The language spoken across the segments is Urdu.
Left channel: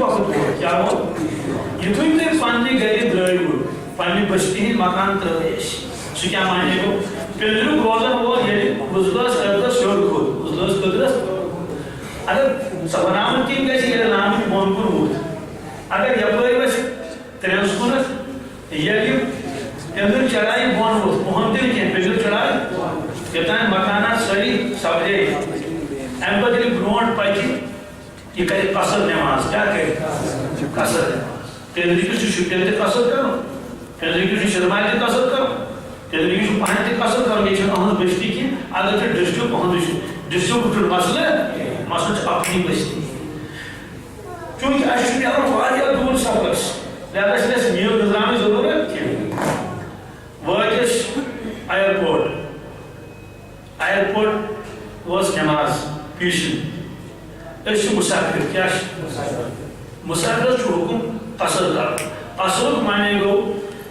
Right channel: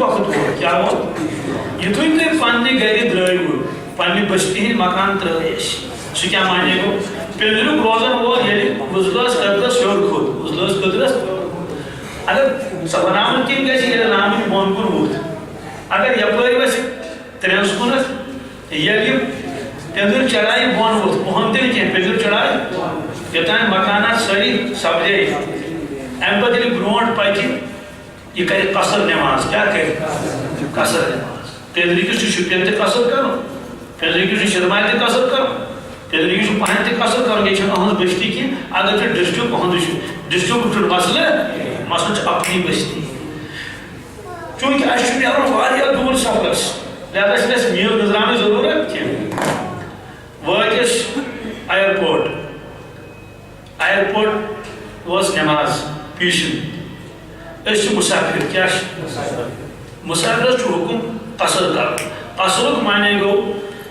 وقت ہو کیا ہو یہ تو ہی پانی گھر درائیو پانی بستی ہی مکان ترائیش سو کیا مانے گو پندرو روزن وہ یہ وزلوس قدرس شور کھود وزلوس قدرس اگر سبنامن کی گیسی یہ نامی بونکن ہوت اگر یپوری ویسی ترینسکونت یہ پندر چڑھائی بون ہوت بہن دل کیا پندر چڑھائی کتائیں مکانات سری سبجے ایم بدلی برونٹ پاکی یہ کرے قصر نماز کیا کرے قصر نماز پندری کسی شکر تے قصر کرو پندری کسی شرمائی تے قصر کرو پندری کسی پہن تے قصر کرو یہ چھوڑا ہنس بشتی کی اگر چھوڑا ڈسٹو پہن ڈسٹو کچھوڑ مسئلہ چھو اپنی بشتی چونکہ اشتری ارون واریا دور سفرس لہذا اس نے میل نظرامی ضرورت کیا وقت ایئرپورٹ واس نماز پیشن اس مسافر کیا مسافر چھو حکم قصر کر قصر مانے گو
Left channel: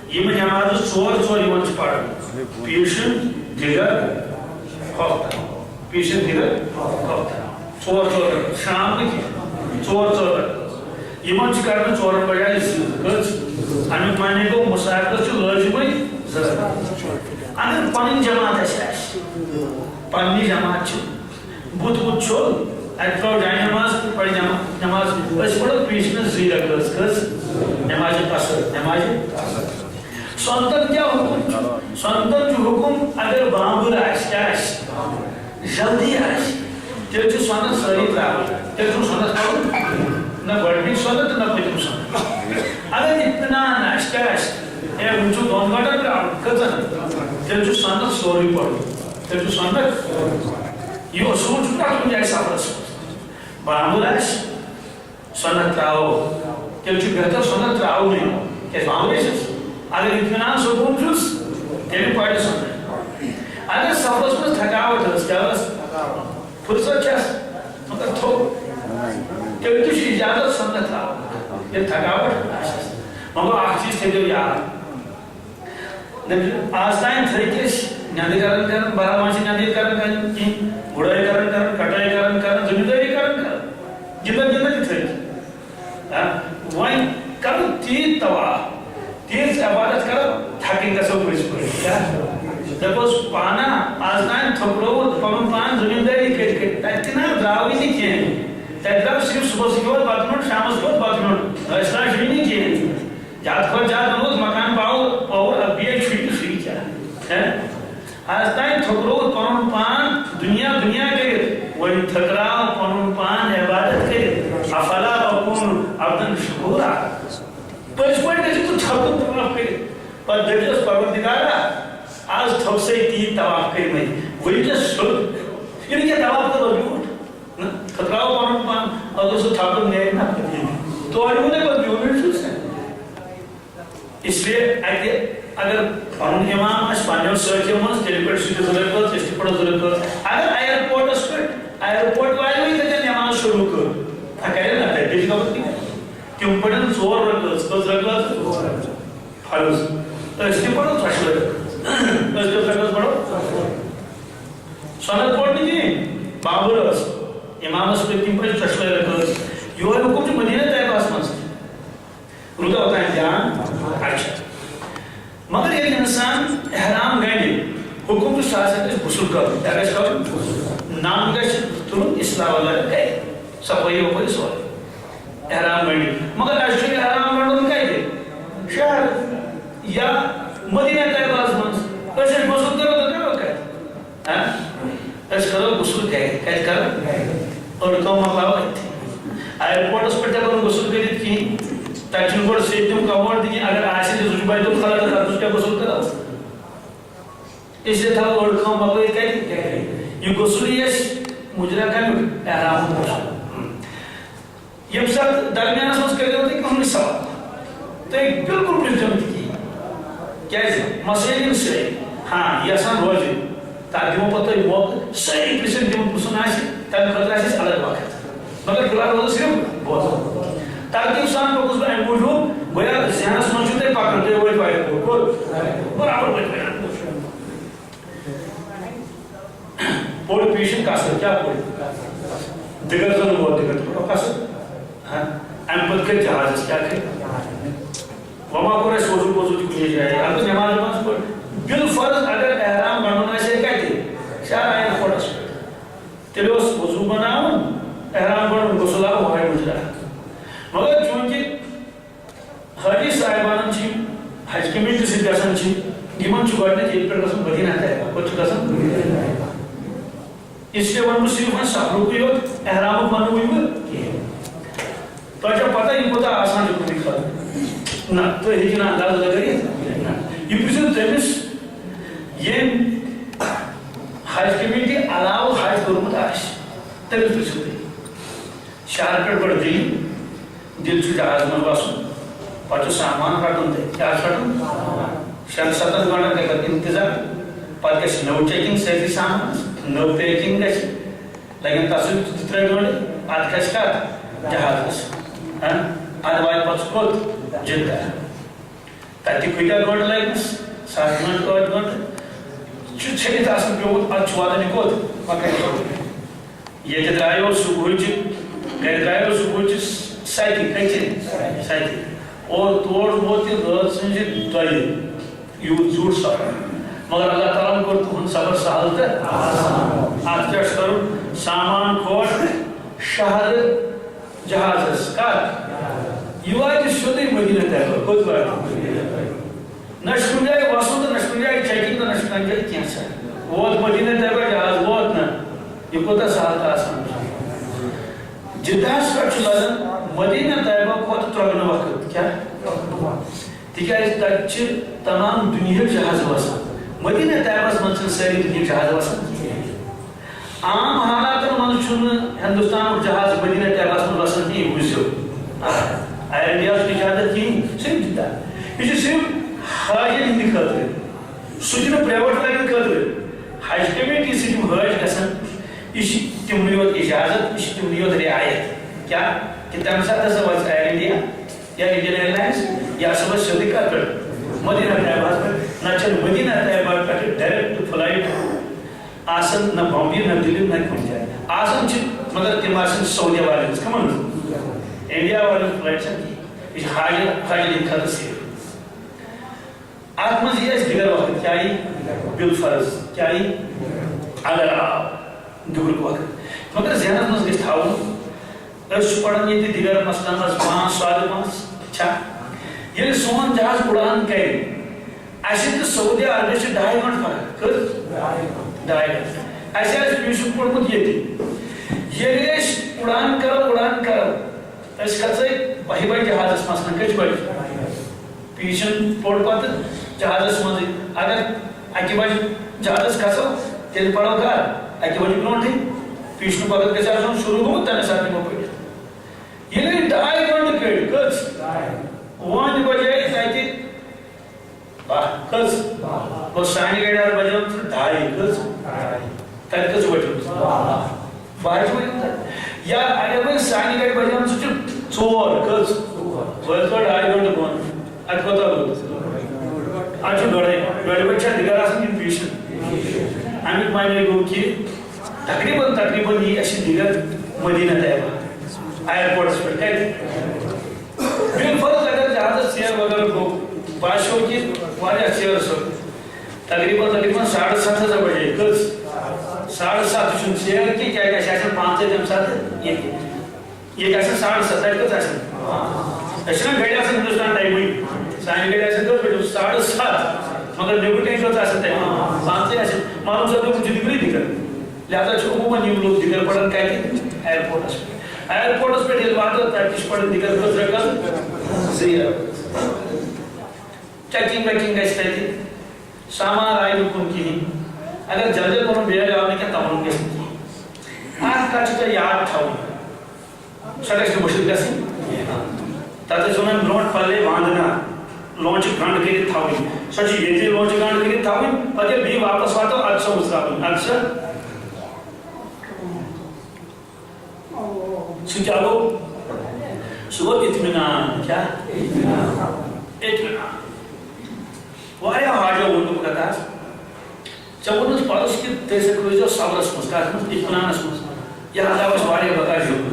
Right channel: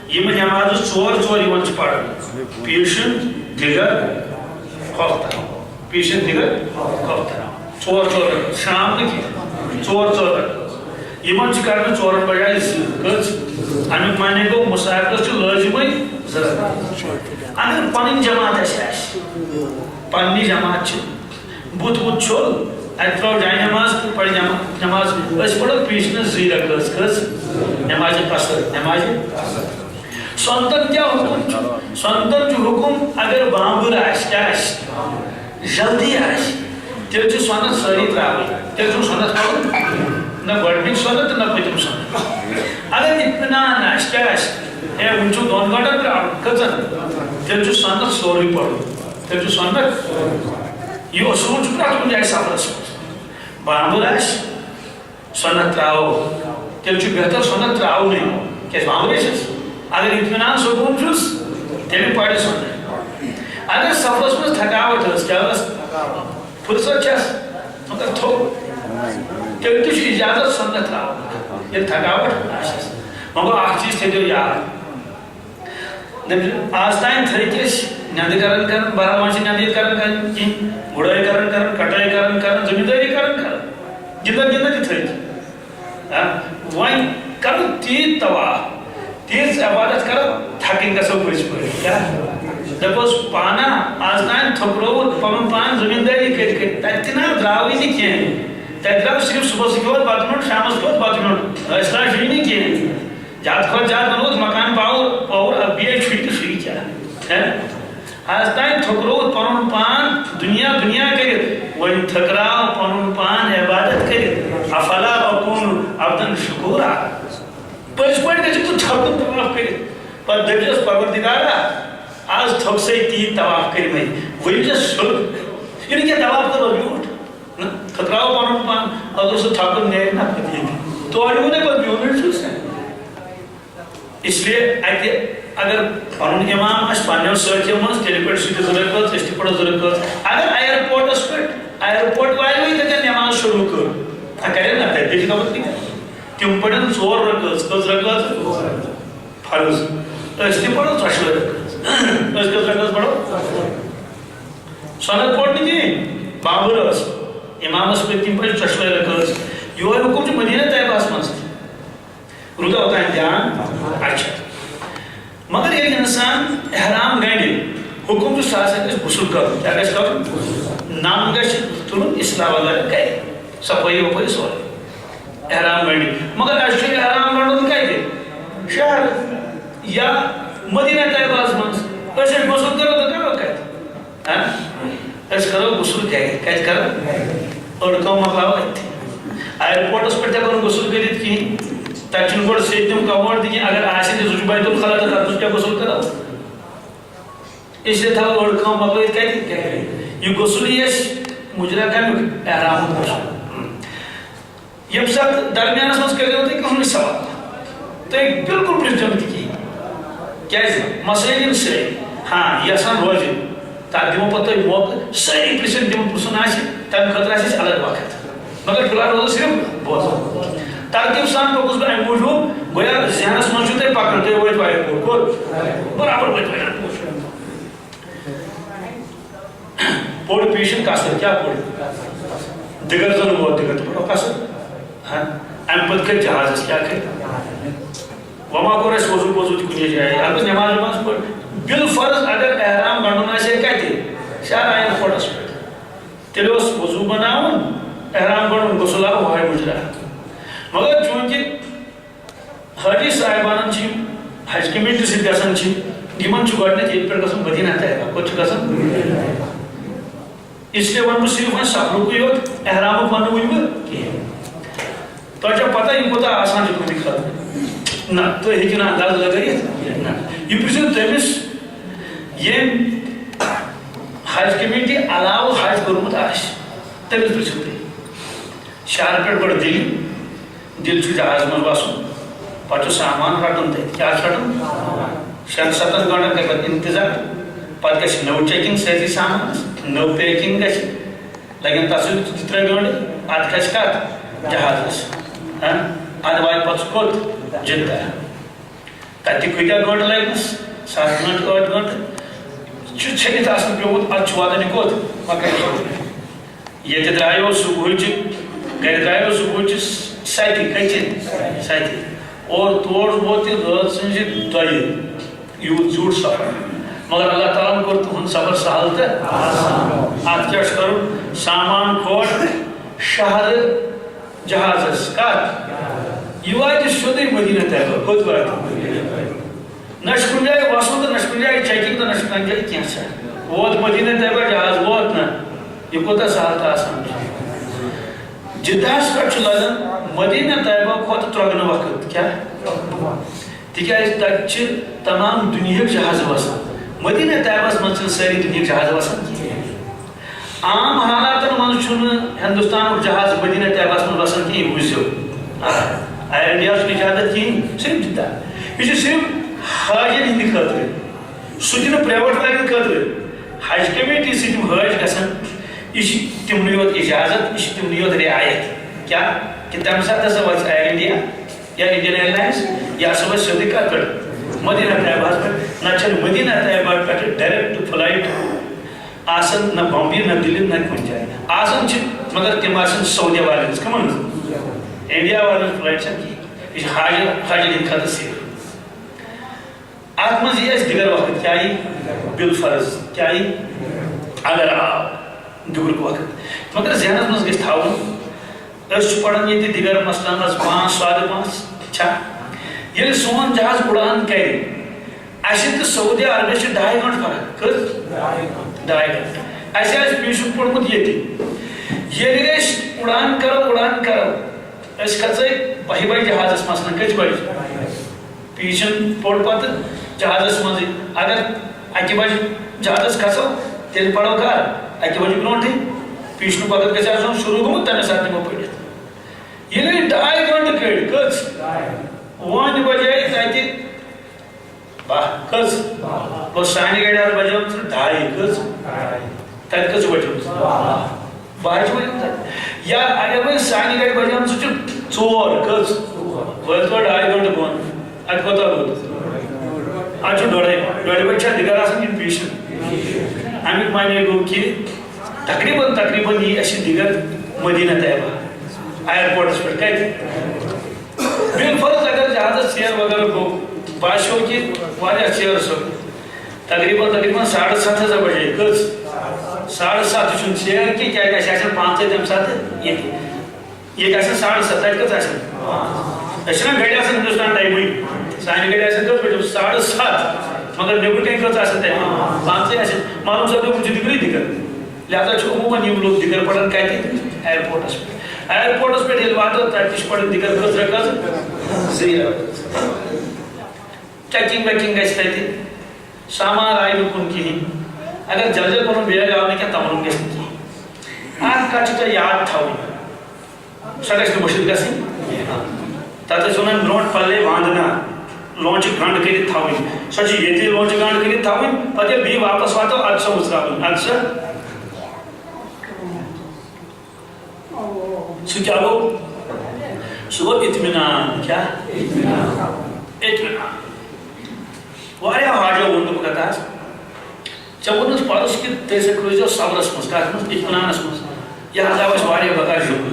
یہ نماز چور چور یوان چھ پڑھن پیشن دیگر خوف پیشن دیگر خوف چور چور شام کی چور چور یوان چھ کرنا چورن بجائے کچھ امیک مانے گو مسافر چھو لازمی ضرورت اگر پنن جماعت اس پننی جماعت چھو بت بت چھو اتراو جائے نماز پڑھ نماز اس پڑھو پیشن زیر اگرس کس نماز قصر نماز سنتن کیا حکم سنتن جو حکم اگر بامبر آش کیا آش جلدی آش تیل چھو سنت سری تراؤ تیل چھو سنت پڑھو نہ گوڑنی سنت نہ پتم سنت اگر اطمینان آش کیا آش اے انچو دون گھٹا تراؤ کتن تیل چھو سنت سوری پڑھو تیل چھو سنت یہ اصول چھو پرات کن جائے سفر اسمت بامبر آش سنت تراؤ تیل چھو بہتر سنت تراؤ نہیں کیس بامبر آش اگر اطمینان سکون چھوس تیل پڑھ سنت اگر سفر اسمت تھکاوٹ ہے کیا بس فرصت چھس مگر تھو تیل تو چھو اجازت سنت تراؤ یہ تھکاوٹ آشس مگر آخ چیز تھے جو یاد آستائن تھریکیش نیاندی کرن برا مانچی نیاندی کرن کی گھڑائی کرن کٹائی کرن زمینداری کرن جنہ جی تھریکی وائن کرن تیز تواہ تیز عبادت کرن تھاکن کا سب کچھ پڑے کیا دپوس پانا آستائن تھکرو پمن پان زمینداری کر تینا دراوی نہیں کیا ہے تیدراو صرف صبح سکیوت بات منٹ شام سکیوت بات منٹ اسلام شوی نہیں کیا ہے جات خود جات منوز مکان پاور اور اب بیئے چھوڑی تو شوی کیا ہے آستائن تھکرو پمن پان دنیا کرد وین تھکراو پمن پان عبادت کرد افلا اکون عبدن شکورا پرس پوائنٹ کہ تو تھکو تواف کرد پر دبجس پروردگارا آج تھک سے تین تواف کرد میں وہی جس سلک یعنی کیا تواف کرو بیوٹ تھکراو پمن پان اگر سے تھکر نیئے نہ کرد تو آج انہیں پر بیوٹ چھوس ہے اس لئے اگر پنن امام اس پانیو سرچے منز تیلی پر سیدھ ضرورت کرد تیستی پر ضرورت کرد اگر ایئرپورٹ اس پر ایئرپورٹ وائی ہوئی تکر نماز شروع کر کرے نا تیلی کا وقت نہیں تیم پڑھن چور رکھت کس رکھت فرض تیستی پڑھو ترشل رکھت اس کس رکھت پڑھو سنت پڑھنی کی بابر اس امام اس پر تیم پڑھن ترشل رکھت یہ حکم جو مدینہ طیب آسمان سے رکھا ہوتا ہے دھیان اچھا مگر ایک انسان احرام گئنی حکم جو ساتھ ہے غسل کرو کیا کہش کرو نام گش ترون اصلاح والا کہے صفائی اوپر سوال احرام گئنی مگر اشتری احرام گئنی کہے گے شہر یا مدینہ طیب آسمان سے ایسے غسل کرو تو کیا کہتے ایسے کرو غسل کہتے کرو اور کم مقلاو ایئرپورٹ اس پر جب غسل کرید کی تاچن گوڑ سیدیم کا وارد کی اگر آسی جی زجبائی تو خلا تھا تو اس کیا غسل کرو اس لئے تھا گوڑ کھاؤں مقلوی کہہ دی یہ غسلی ہے مجرہ کا احرام غسل یہ ساتھ درمیان سمجھ کر ہوتے ہیں کہ ہم نے سوال تو ایک بلکل پرسجمت کی کیسے مسئلین سے ہاں یہ آسان روزی تاکہ وہ پتہ ہی موقع صحیح پرسجمت پرسن آسی تاکہ خطرہ سے الگ وقت مگر فلال روزہ صرف بہت تاکہ انسان کو کچھ بہن موجود گویا ذہنس منشوتے پاکرتے ہوئے دوائے کو برابر ہوئے دوائے پوڑ پیشن کاسر کیا پوڑ دیگر زن ہوا دیگر تو پڑھو کاسر ام پتہ کر جہاز کیا کر وما کور اس وضو وضو کنے جائے اگر نماز نماز پڑھ بالفرض اگر احرام گنڈن آسے کتے شاید آئین کھوٹس پہ تیلے اس وضو بناون احرام گنڈن غسل آو ہوئے مجرا مگر چونکہ حاجی صاحبان چھ حج کمیٹی سۭتۍ گژھان چھ یمن چھ گۄڈنیتھ ییٚتہِ پٮ۪ٹھ گژھُن مدینہ طیبہ کوٚت چھُ گژھان اس لیے ون بہٕ صرف وۄنۍ سفرُکُے یوت احرامُک ونہٕ وٕنہِ بہٕ کِہیٖنۍ تۄہہِ چھو پتہ یہِ کوٗتاہ آسان چھُ تُہنٛدِ خٲطرٕ نہ تُہۍ ہیٚکِو نہٕ انداز لگٲیِتھ نہ یہِ پرٛژھِو تٔمِس ییٚمۍ حج کمیٹی علاوٕ حج کوٚرمُت آسہِ تٔمِس پرٛژھِو تُہۍ شہرٕ پٮ۪ٹھ گۄڈٕ دِلہِ چھُ جہاز منٛز وسُن پتہٕ چھُ سامان رٹُن تتہِ کیٛاہ چھُ رٹُن 6-7 گنٹن گژھِ پتہٕ انتظار پتہٕ گژھِ نٔو چیکنگ سٲرسٕے سامانس نٔو پیکنگ گژھِ لگن تتھ سۭتۍ 2-3 گنٹہٕ ادٕ کھسہِ کتھ جہازس ادٕ واتہِ پتہٕ سُہ کوٚت جدہ تتہِ کۭتیاہ گنٹہٕ لگنس 7 گنٹہٕ 8 گنٹہٕ چھُ ژھیٚنِتھ آسان پیومُت ادٕ چھُ واتان یہِ کوٚت مکہ ییٚتہِ درٛایو صبحٕچہِ گرِ درٛایو صبحٕچہِ 7 کٔژِ 7 اور تور ووت یہِ رٲژ سٕنٛزِ 2 یوٗت زیوٗٹھ سفر مگر اللہ تعالیٰ ہن کوٚر تُہُنٛد سفر سہل تہٕ اتھ کیٛاہ چھُ کرُن سامان کھول شہرٕ جہازس کتھ یہِ واتہِ سیوٚدُے مدینہ طیبہ کوٚت واتہِ نہ چھُ کُنہِ جایہِ وسُن تہٕ نہ چھُ کُنہِ جایہِ چیکنگ تہٕ نہ چھُ کُنہِ جایہِ کینٛژھا ووت مدینہ طیبہ جہاز ووت نہ یہِ کوٗتاہ سہل تہٕ آسان چھُ جدہس پٮ۪ٹھ چھُ لگان مدینہ طیبہ کھۄتہٕ ترٛۄگنہٕ وقت کیٛاہ تِکیٛازِ تتہِ چھِ تمام دُنیہٕکۍ جہاز وسان مدینہ طیبہس منٛز چھِنہٕ سٲری دُنیہٕکۍ جہاز وسان عام حالاتن منٛز چھُنہٕ ہندوستانُک جہاز مدینہ طیبہس منٛز وسان کِہیٖنۍ وٕچھزیو ایر انڈیاہس چھُنہٕ اجازت کِہیٖنۍ صرف جدہ یہِ چھُ صرف حاجن ہٕنٛدِ خٲطرٕ سُہ تہِ نہٕ پرٛیویٹ والٮ۪ن خٲطرٕ حج کمیٹی سۭتۍ یِم حٲج گژھان یہِ چھِ تِمنٕے یوت اجازت یہِ چھِ تِمنٕے یوت رعایت کیٛاہ کہِ تَمہِ ساتہٕ ہسا واتہِ ایر انڈیا یا انڈین ایئر لائنس یہِ ہسا واتہِ سیوٚدُے کتھ پٮ۪ٹھ مدینہ طیبہس پٮ۪ٹھ نہ چھنہٕ مدینہ طیبہ پٮ۪ٹھ ڈایریکٹ فلائٹ آسان نہ بمبے نہ دِلہِ نہ کُنہِ جایہِ آسان چھِ مگر تِم آسان سعودی والٮ۪ن ہٕنٛز کٕمن ہٕنٛز انڈیا والٮ۪ن فلائٹ چھنہٕ کِہیٖنۍ یہِ چھِ حاجن ہٕنٛدِ خٲطرٕ صرف اتھ منٛز یی اَسہِ دِگر وقت کیٛاہ یی بالفرض کیٛاہ یی اگر آو دُگرُک وقت مگر ذہنس منٛز گژھِ تھاوُن أسۍ چھِ پران ییٚتہِ دِگر مثلاً 5 سادٕ 5 چھا ییٚلہِ سون جہاز اُڑان کرِ اَسہِ تہٕ سعودی عربِیَس چھِ 2.5 گنٹہٕ فرق کٔژ 2.5 گنٹہٕ اَسہِ آسہِ پیٖشُک پوٚرمُت ییٚتہِ ییٚلہِ أسۍ اُڑان کرو أسۍ کھژے 12 بجہِ جہازس مثلاً کٔژِ بجہِ پیٖشن پوٚر پتہٕ جہازس منٛزٕے اگر 1 بجہِ جہازس کھسو تیٚلہِ پرو کر 1 بجہِ برونٛٹھٕے پیٖشنُک وقت گژھِ آسُن شروٗع گوٚمُت تَمے ساتہٕ نِمو پٔرِتھ ییٚلہِ 2.5 گنٹہٕ کٔڑۍ کٔژ وۄنۍ بجے تتہِ 12 کٔژ گوٚو سانہِ گاڑِ حظ بجیمٕژ 2:30 کٔژ تتہِ کٔژ بجیمٕژ 12 چھِ بجیمٕژ یا اگر وۄنۍ سانہِ گاڑِ بجیمٕژ چھِ 4 کٔژ وٲتۍ 2.5 گنٹہٕ بۄن اتہِ کوتاہ روٗد اتہِ چھُ 2.5 بجہِ چھا دِگر آسان کِنہٕ پیٖشن امیُک معنی گوٚو کہِ تقریٖباً یی اَسہِ دِگر مدینہ طیبہ ایرپورٹس پٮ۪ٹھ کتہِ بالفرض اگر جہازس ژیر وغیرہ گوٚو باسیو کہِ واریاہ ژیر سُہ تقریٖباً 7:30 بجے کٔژ 7:30 چھُنہٕ ژیر کینٛہہ کیٛازِ اَسہِ آسن 5 تمہِ ساتہٕ ییٚتہِ آسن 7:30 تتہِ کٔژ آسن أسۍ چھِنہ گاڑِ آسان ہندوستان ٹایمٕے سانہِ گاڑِ آسن کٔژ بجے 7:30 مگر نیٚبرٕ کَنۍ کٔژ آسن تتہِ 5 آسن معلوٗم صٲبن چھُ دِگرٕے دِگر لہذا چھُ عموٗماً یِم لُکھ دِگر پران کتہِ ایرپورٹس پٮ۪ٹھ ایرپورٹس پٮ۪ٹھ ییٚلہِ واتو تتہِ تہِ چھِ پران دِگر کٔژ رکعت 2 چیکنگ ویکنگ گژھِ تتہِ سامان آیہِ نہٕ کُن کِہیٖنۍ اگر جلدی پنُن بیگ آو نہٕ کینٛہہ تمن گژھِ نہٕ کِہیٖنۍ اکھ کتھ چھِ تۄہہِ یاد تھاوٕنۍ سۄ گژھِ نہٕ مٔشِد گژھٕنۍ تتھ ٲسۍ ونان برونٛٹھ پلے وانٛدنا لونچہِ گنٛڈ کٔرِتھ تھاوٕنۍ سۄ چھِ ییٚتی لونچہِ گنٛڈ کٔرِتھ تھاوٕنۍ پتہٕ ییٚلہِ بیٚیہِ واپس واتو ادٕ سۄ وٕژراوٕنۍ ادٕ سۄ سُہ کیٛاہ گوٚو سُہ گوٚو اطمینان کیٛاہ اطمینان واریاہ حاجو ووٚن بہٕ کتھ آز ژےٚ ووٚنُتھ پرُس کہِ تُہۍ ہسا روٗزِو صبرس منٛز کتھ منٛز اطمینانس منٛز یہِ حظ آو اَسہِ واریاہ بکار شُکر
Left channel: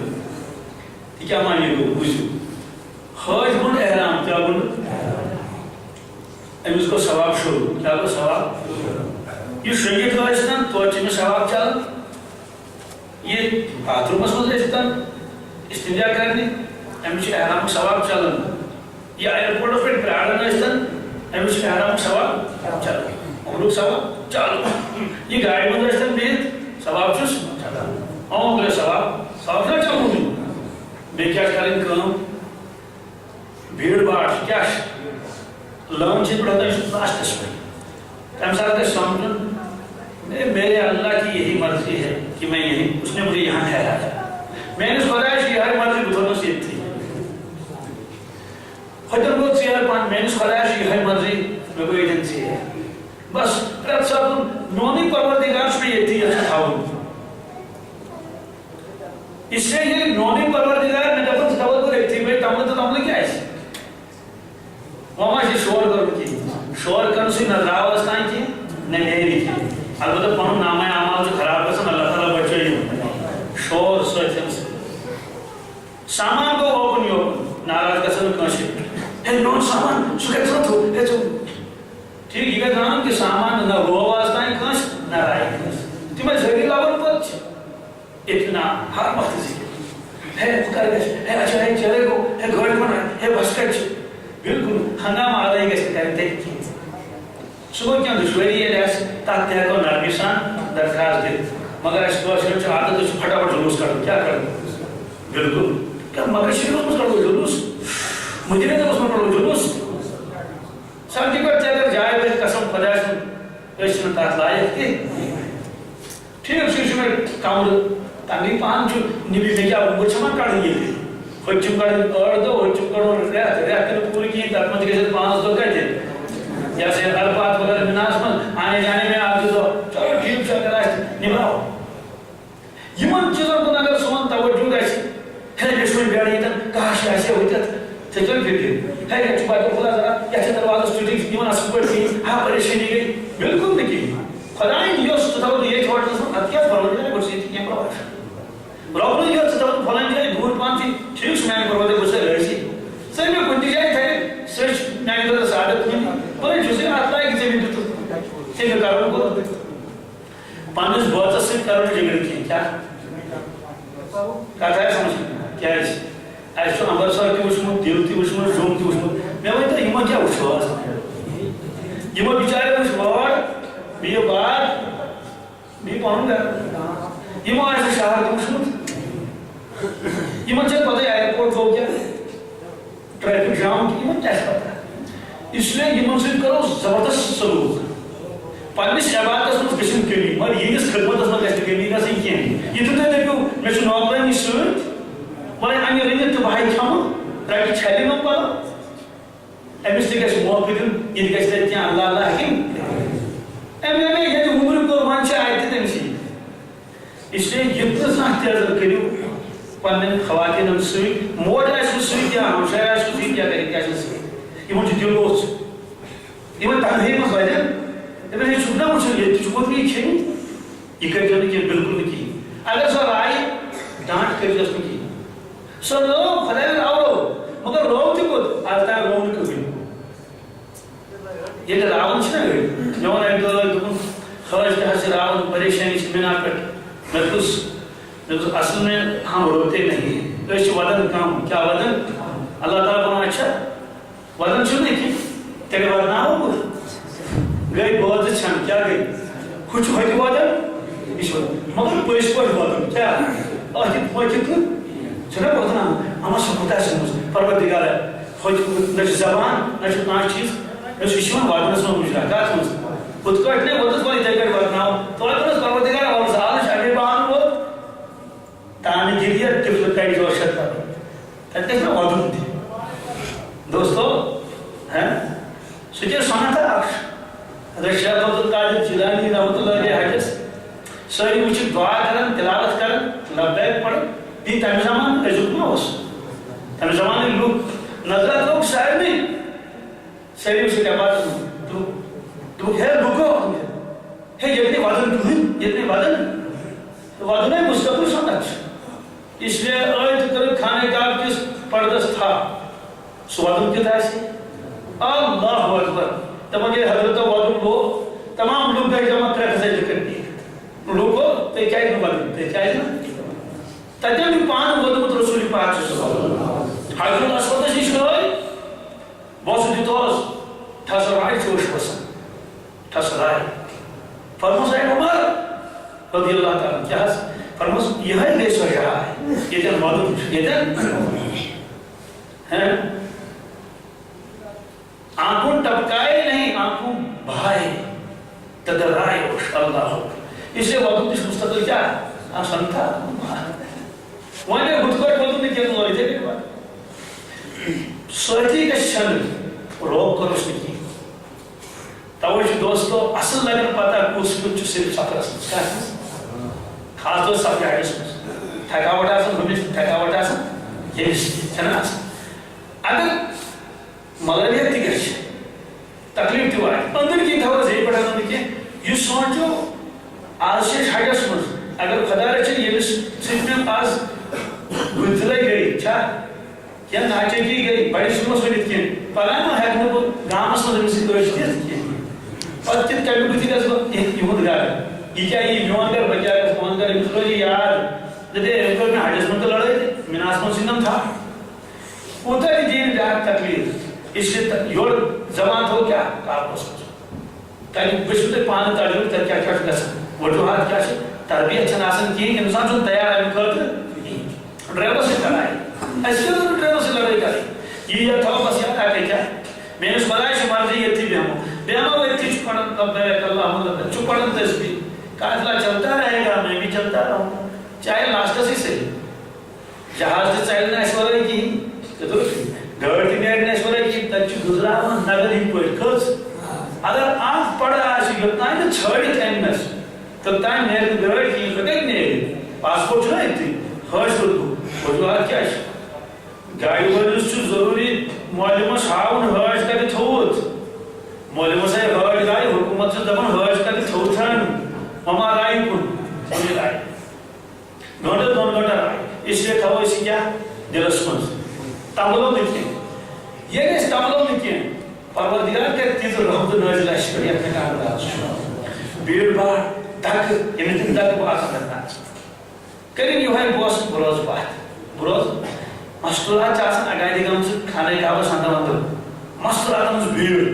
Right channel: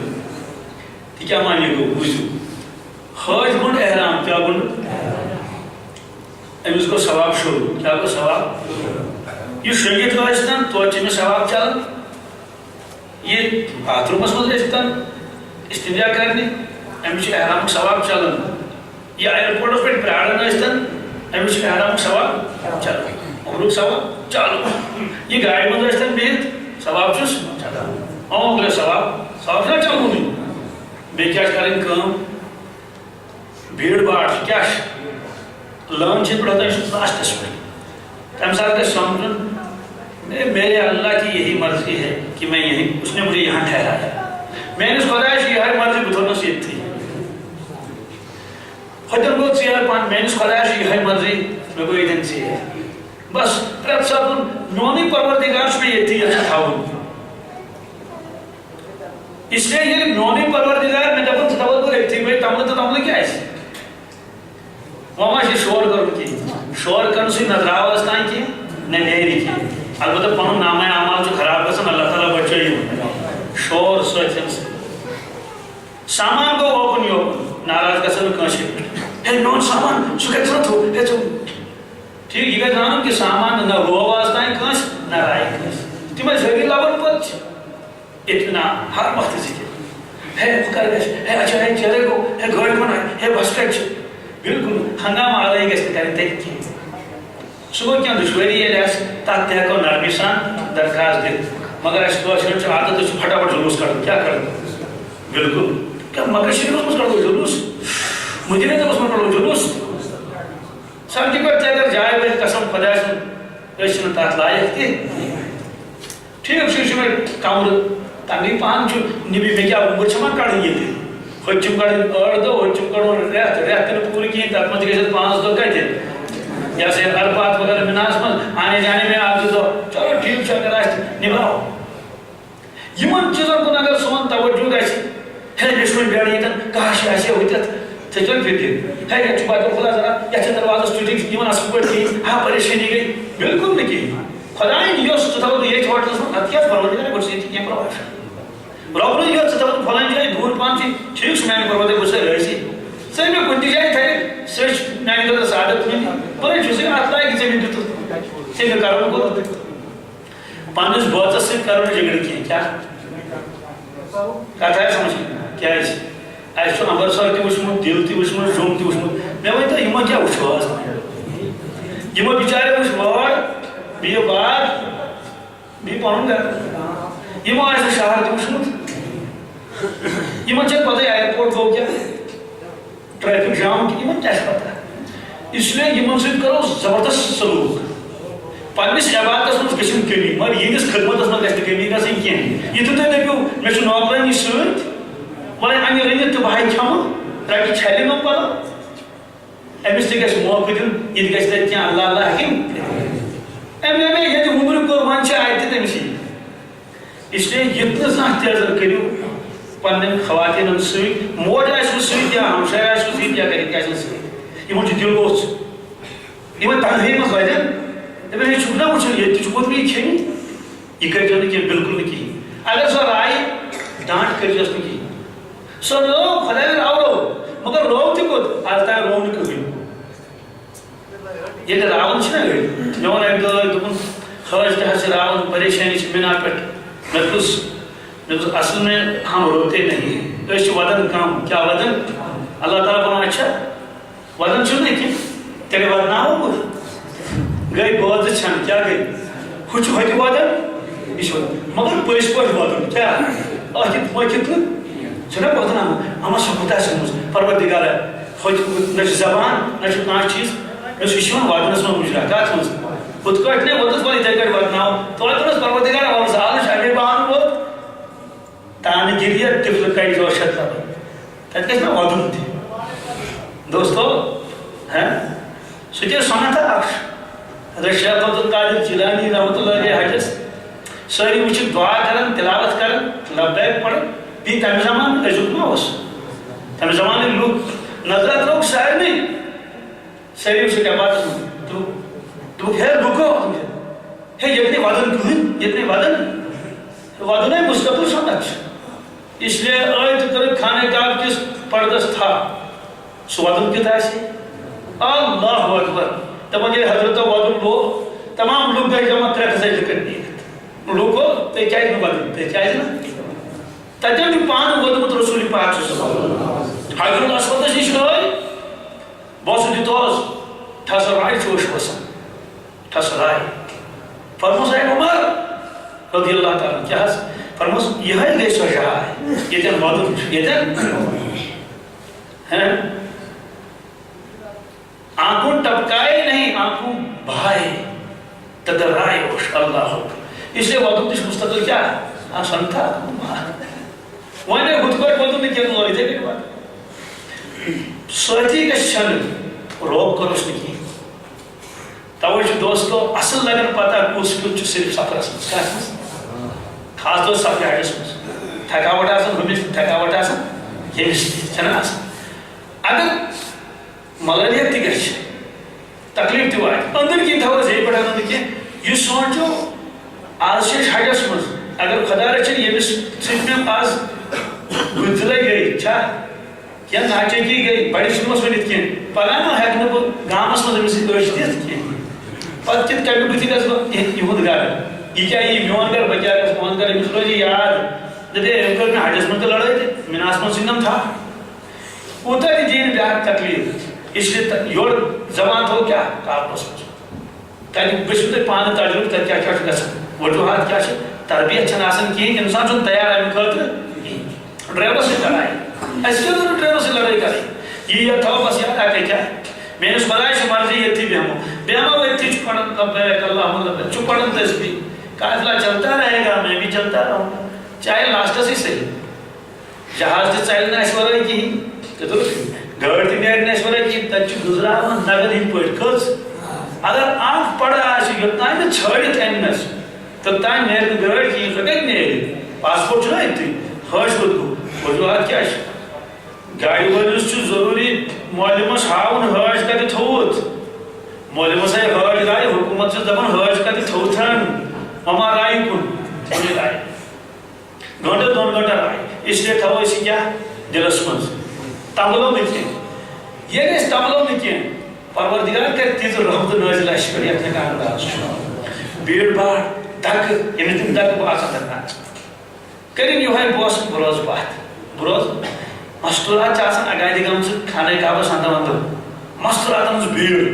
تہِ کیٛاہ معنی گوٚو بوٗزِو حج گنڈ احرام کیا گنڈ امس کو ثواب شروع کیا کو ثواب یہ شریعت واسطن تو میں ثواب چل یہ باتھ رومس مز اشتن استنجا کرنے امس احرام ثواب چلن یہ ایئرپورٹس پہ پیارن اشتن امس احرام ثواب چلن عمرک ثواب چلو یہ گاڑی مز اشتن بہت ثواب چس چلان عمر ثواب ثواب چھنا چلو بیٚیہِ کیٛاہ چھِ کَرٕنۍ کٲم بھیڑ باڑ کیا لٲن چھِ پٮ۪ٹھ ہوتا ہے لاسٹس پہ تمہِ ساتہٕ گژھِ سمجھُن میرے اللہ کی یہی مرضی ہے کہ میں یہی اس نے مجھے یہاں ٹھہرایا میٲنِس خۄدایَس چھِ یِہے مرضی بہٕ تھوٚونَس ییٚتھی ہوتٮ۪ن گوٚو ژیر پہن میٲنِس خۄدایَس چھِ یِہے مرضی مےٚ گوٚو ییٚتٮ۪ن ژیر بس پرٛٮ۪تھ ساتہٕ میونٕے پروردگار چھُ مےٚ ییٚتھی یژھان تھاوُن اس لیے یہ میونٕے پروردگار مےٚ دپان ژٕ تھاوَتھ بہٕ أتھی بیٚیہِ تملہٕ تہٕ تملہٕ کیٛازِ وۄنۍ ما چھِ شور کَرُن کِہیٖنۍ شور کَرنہٕ سۭتۍ نہ درٛاو تام کینٛہہ نہ نیرِ کینٛہہ البتہ پنُن نامے اعمال چھُ خراب گژھان اللہ تعالیٰ بچٲیِو شور سۭتۍ سامان گوٚو اوکُن یوکُن ناراض گژھن نہٕ کٲنٛسہِ ہے میون سامان سُہ کَتہِ ژھٕنُتھ ہے ژٕ ٹھیٖک یہِ گژھِ زانُن کہِ سامان نہ روو آز تام کٲنٛسہِ نہ رایہِ کٲنٛسہِ تِمے ذٔریعہِ لبن پتہٕ چھِ اطمینان ہر وقت ذکر ہے بہٕ کر گژھِ ہے اچھا ہے چیرے گوٚو ہے گٲڑۍ کُن آیہِ ہے بس کتہِ چھِ بالکل ہنگامہ آلٲیی گژھِ نہٕ کَرٕنۍ تَتہِ کینٛہہ سُہ گوٚو کینٛہہ دُشوٲری ییٚلہِ آسہِ تتھ تہِ ہٮ۪کو نرمی سان درخاست دِتھ مگر اَسہِ کٲشرٮ۪ن چھُ عادت أسۍ چھِ پھٹافٹ جلوٗس کڑُن کیٛاہ کڑُن بالکل کیٛاہ مگر شریٖفس منٛز کڑو جلوٗس مدیٖنہ طبس منٛز کڑو جلوٗس سڑکہِ پٮ۪ٹھ تہِ اگر جاے وٲتۍ قسم خۄداے سُنٛد أسۍ چھِنہٕ تتھ لایق تہِ ٹھیٖک چھُ یہِ چھُ مےٚ کمرٕ تمی پہن چھُ نِبی مےٚ کیٛاہ وُنٛگُر چھِ ما کڑٕنۍ ییٚتہِ ہوٚتہِ چھُم کڑٕنۍ 8 دۄہ ہوٚتہِ چھُم کڑُن رٮ۪تھ تہِ نہٕ پوٗرٕ کِہیٖنۍ تتھ منٛز تہِ گژھِ 5 دۄہ کتہِ یا سا الفات وغیرہ مِناہس منٛز آنے جانے میں 1 2 دۄہ چلو ٹھیٖک چھُ اگر آسہِ نِباو یِمن چیٖزن کُن اگر سون توجہ گژھِ ہے مےٚ چھُ وۄنۍ بیٚڈ ییٚتٮ۪ن کاش آسہِ ہے ہوٚتٮ۪تھ ژےٚ چھَکھ فِکر ہے یتھ چھُ بادل خۄدا ذرا یتھ چھِ دروازس ٹُٹِتھ یِمن اصل پٲٹھۍ کِہیٖنۍ ہا پریشٲنی گٔے بالکل نہٕ کِہیٖنۍ خۄدایَن یۄس ژٕ تھاوَتھ بہٕ ییٚتھۍ ہوٹلس منٛز اَدٕ کیٛاہ پروردگار گوٚژھ ییٚتہِ کینٛہہ پرواے رۄبنٕے یوت ژٕ دپَکھ فلٲنۍ جایہِ دوٗر پہن چھِ ٹھیٖک چھُ میانہِ پروردگار بہٕ چھُسے رٲضی ژٕ مےٚ کُنہِ تہِ جایہِ تھٲیِتھ سُہ چھُ میانہِ خٲطرٕ سعادت کُنہِ بَلے چھُسے اَتھ لایق ژےٚ مےٚ دِتُتھ ژےٚ مےٚ کَرُن کوٚرُتھ پنٛنِس بٲژَس سۭتۍ کَرو نہٕ جھگڑٕ کینٛہہ کیٛاہ کَتھ آیہِ سمجھ کیٛازِ اَسہِ چھُ امبرسر تہِ وٕچھمُت دِل تہِ وٕچھمُت جوٚم تہِ وٕچھمُت مےٚ ؤنۍتو یِمو کیٛاہ وٕچھو آز یِمو بِچاریو وٕچھ وٲر بیٚیہِ باغ بیٚیہِ پنُن گرٕ یِمو آسہِ نہٕ شہر تہِ وٕچھمُت یِمن چھَنہٕ پتہ ایرپورٹ گوٚو کیٛاہ ٹریفک جام کہِ یِمن کیٛاہ چھِ پتہ اس لیے یِمن سۭتۍ کرو زبردست سلوٗک پننِس عبادتس منٛز گژھِ نہٕ کٔمی مگر یِہنٛدِس خدمتس منٛز گژھِ نہٕ کٔمی گژھٕنۍ کینٛہہ یِتھُے تُہۍ دٔپِو مےٚ چھُ نوکرٲنی سۭتۍ وۄنۍ اَنہِ رٔنِتھ تہٕ بہٕ کھٮ۪مہٕ رَٹہِ چھَلہِ نہٕ پَلو أمِس تہِ گژھِ موقعہٕ دیُن یہِ تہِ گژھِ تَتہِ کینٛہہ اللہ اللہ ہٮ۪کِن أمۍ ییٚتہِ وُمرِ کوٚر وۄنۍ چھِ اَتہِ تٔمسٕے اس لیے یِتنہٕ زانٛہہ تہِ حظ کٔرِو پننٮ۪ن خواتیٖنن سۭتۍ موج آسِوٕ سۭتۍ یا ہمشاے آسِوٕ سۭتۍ یا گرِکۍ آسن سۭتۍ یِمن چھُ دِل اوٚژ یِمن تنہٲیی منٛز وَدن دَپان ہے چھُکھ نا وٕچھُن ییٚتہِ تہِ چھُ ووتمُت یہِ کھیٚنہِ یہِ کٔرۍزیو نہٕ کینٛہہ بالکل نہٕ کِہیٖنۍ اگر سۄ رایہِ ڈانٹ کٔرۍزیوس نہٕ کِہیٖنۍ سۄ رٲو خۄدایَن راورو مگر رو تہِ کوٚت آز تام رو نہٕ کٕہٕنۍ ییٚلہِ راوُن چھِنہ أڑۍ مےٚ ووٚن اَکہِ دۄہ دوٚپُن حٲج تہِ حظ چھِ راوُن پریشٲنی چھِ مِنا پٮ۪ٹھ مےٚ دوٚپُس اصل میں ہم روتے نہیں ہیں أسۍ چھِ وَدان کم کیٛاہ وَدان اللہ تعالیٰ وَنان اچھا وَدان چھُنہٕ نہٕ کینٛہہ تیٚلہِ وَدناوو بہٕ گٔے بٲژٕ چھَنہٕ کیٛاہ گٔے ہُہ چھُ ہوٚتہِ وَدان یہِ چھُ وَدان مگر پٔزۍ پٲٹھۍ وَدُن کیٛاہ أکِتھ مٔکِتھ نہٕ چھُنہ وَدناوُن اَما چھُ خۄداے سٕنٛز پروردِگارا ہوٚتہِ نہ چھِ زبان نہ چھُ کانٛہہ چیٖز مےٚ چھُ یہِ چھُ یِوان وَدنَس منٛز مُجرا کَتھ منٛز ہُتھ کٲٹھۍ نَے ووٚتُس وۄنۍ یِتھَے کٲٹھۍ وَدناوُن توتہِ اوس پروردِگارا وَلہٕ سا آز چھُ اَمے بہانہٕ ووت تانہِ گِریہ تِفلہٕ کَڑِ جوشت لَبن تَتہِ گژھِ مےٚ وَدُن تہِ دوستو سُہ تہِ ٲس سَنت اکھ حضرت شیخ عبدالقادر جیلانی رحمتہ اللہ علیہ حجس سٲری وٕچھِتھ دُعا کران تِلاوت کران لبیک پَران بیٚیہِ تَمہِ زمانہٕ أزیُک ما اوس تَمہِ زمانٕکۍ لُکھ نظرت لوٚگ سارنٕے سٲری وٕچھِتھ عبادت دوٚپُکھ ہے لُکو ہے ییٚتہِ نہٕ وَدان کٕہٕنۍ ییٚتہِ نہٕ وَدان وَدُنے مُستقل سنت چھُ اس لیے ٲدۍ کٔرٕکھ خانہ کعبہ کِس پردس تھپھ سوادم کتنا ہے اللہ اکبر تمام یہ حضرت وادم لو تمام لوگ گئے جمع کرے تھے ذکر نہیں لوگوں تے چاہیے نہ بدل تے چاہیے نا تجن پان وادم رسول پاک صلی اللہ علیہ وسلم حضرت اسود جی شوی بوس دی توس تھسرائی چوش وسن تھسرائی فرموس ہے عمر رضی اللہ تعالی کیا فرموس یہ ہے لے سو ہے یہ جن وادم یہ جن ہیں آنکھوں ٹپکائے نہیں آنکھوں بھائے تدرائے وش اللہ اس لیے وقت اس مستقل کیا ہے آسان تھا وہاں نے خود کو بولتوں نے کیا نوری تھے میرے بات سوچی کا شن روک کر اس نے کی توجہ دوستو اصل لگن پتا کس کچھ صرف سفر اسم خاص طور سفر ہے اسم تھکاوٹ آسان ہمیں تھکاوٹ آسان یہ چھنا آسان اگر ملریت تی گھر تکلیف تی وائد اندر کی تھوڑا زیر پڑھا اندر کی یہ سوچو آج سے حجس مز اگر خدا رچن یہ صرف میں آج گزلے گئی چھا کیا ناچے کی گئی بڑی سمس ونیت کی پرانا ہے کہ وہ گامس مز ہمیں سے اشتیت کی پت کت کمی بتی گز یہ خود گار یہ کیا یہ میون کر بچا گز میون کر امس روزی یاد جدے امکر میں حجس مز لڑائی تھے مناس من سنم تھا ہوتا ہے دین بیار تکلیف اس لیے یور زمان ہو کیا کار پسند تاکہ بشتے پانے تجربہ تر کیا کیا سکتا وجوہات کیا ہے تربیت چھن آسن کی انسان جو تیار ہے خاطر ڈرائیور سے لڑائی ایسے تو ڈرائیور سے لڑائی کریں یہ تھا بس یاد آ کے کیا میں نے اس بلائے سے مرضی یہ تھی بیامہ وہ تھی چپڑن لبیک اللہم لبیک چپڑن تسبیح قافلہ چلتا رہے گا میں بھی چلتا رہوں چاہے لاسٹ سے صحیح جہاز سے چلنا ایشورہ کی گاڑی نیرنے ایشورہ کی تچ گزرا نگر ہی پوٹ کھز اگر آنکھ پڑا آشی گتنا ہے تو چھوڑی تینس تو تائیں نیرد گاڑی کی لگے نیرد پاسپورٹ چھنا ایتی خواہش خود کو وجوہات کیا ہے گاڑی ورنس چھو ضروری معلومس ہاؤن خواہش کا دی تھوت معلومس ہے خواہش رائی حکومت سے دبن خواہش کا دی تھوتن مما رائی کن انہیں رائی گھنٹے دون گھنٹے رائی اس لیے تھا وہ اسی کیا دلس منز تملو نکیں یہ نہیں تملو نکیں پروردگار کے تیز رحمت نازل اشکری اپنے کام راز بھیڑ بھاڑ دک یعنی دک باسا کرنا کریں یہ ہے بوس بروز بات بروز مستورات چاہسن اگائی دیگم سے کھانے کعبہ سانتا مندر مستورات ہم بھیڑ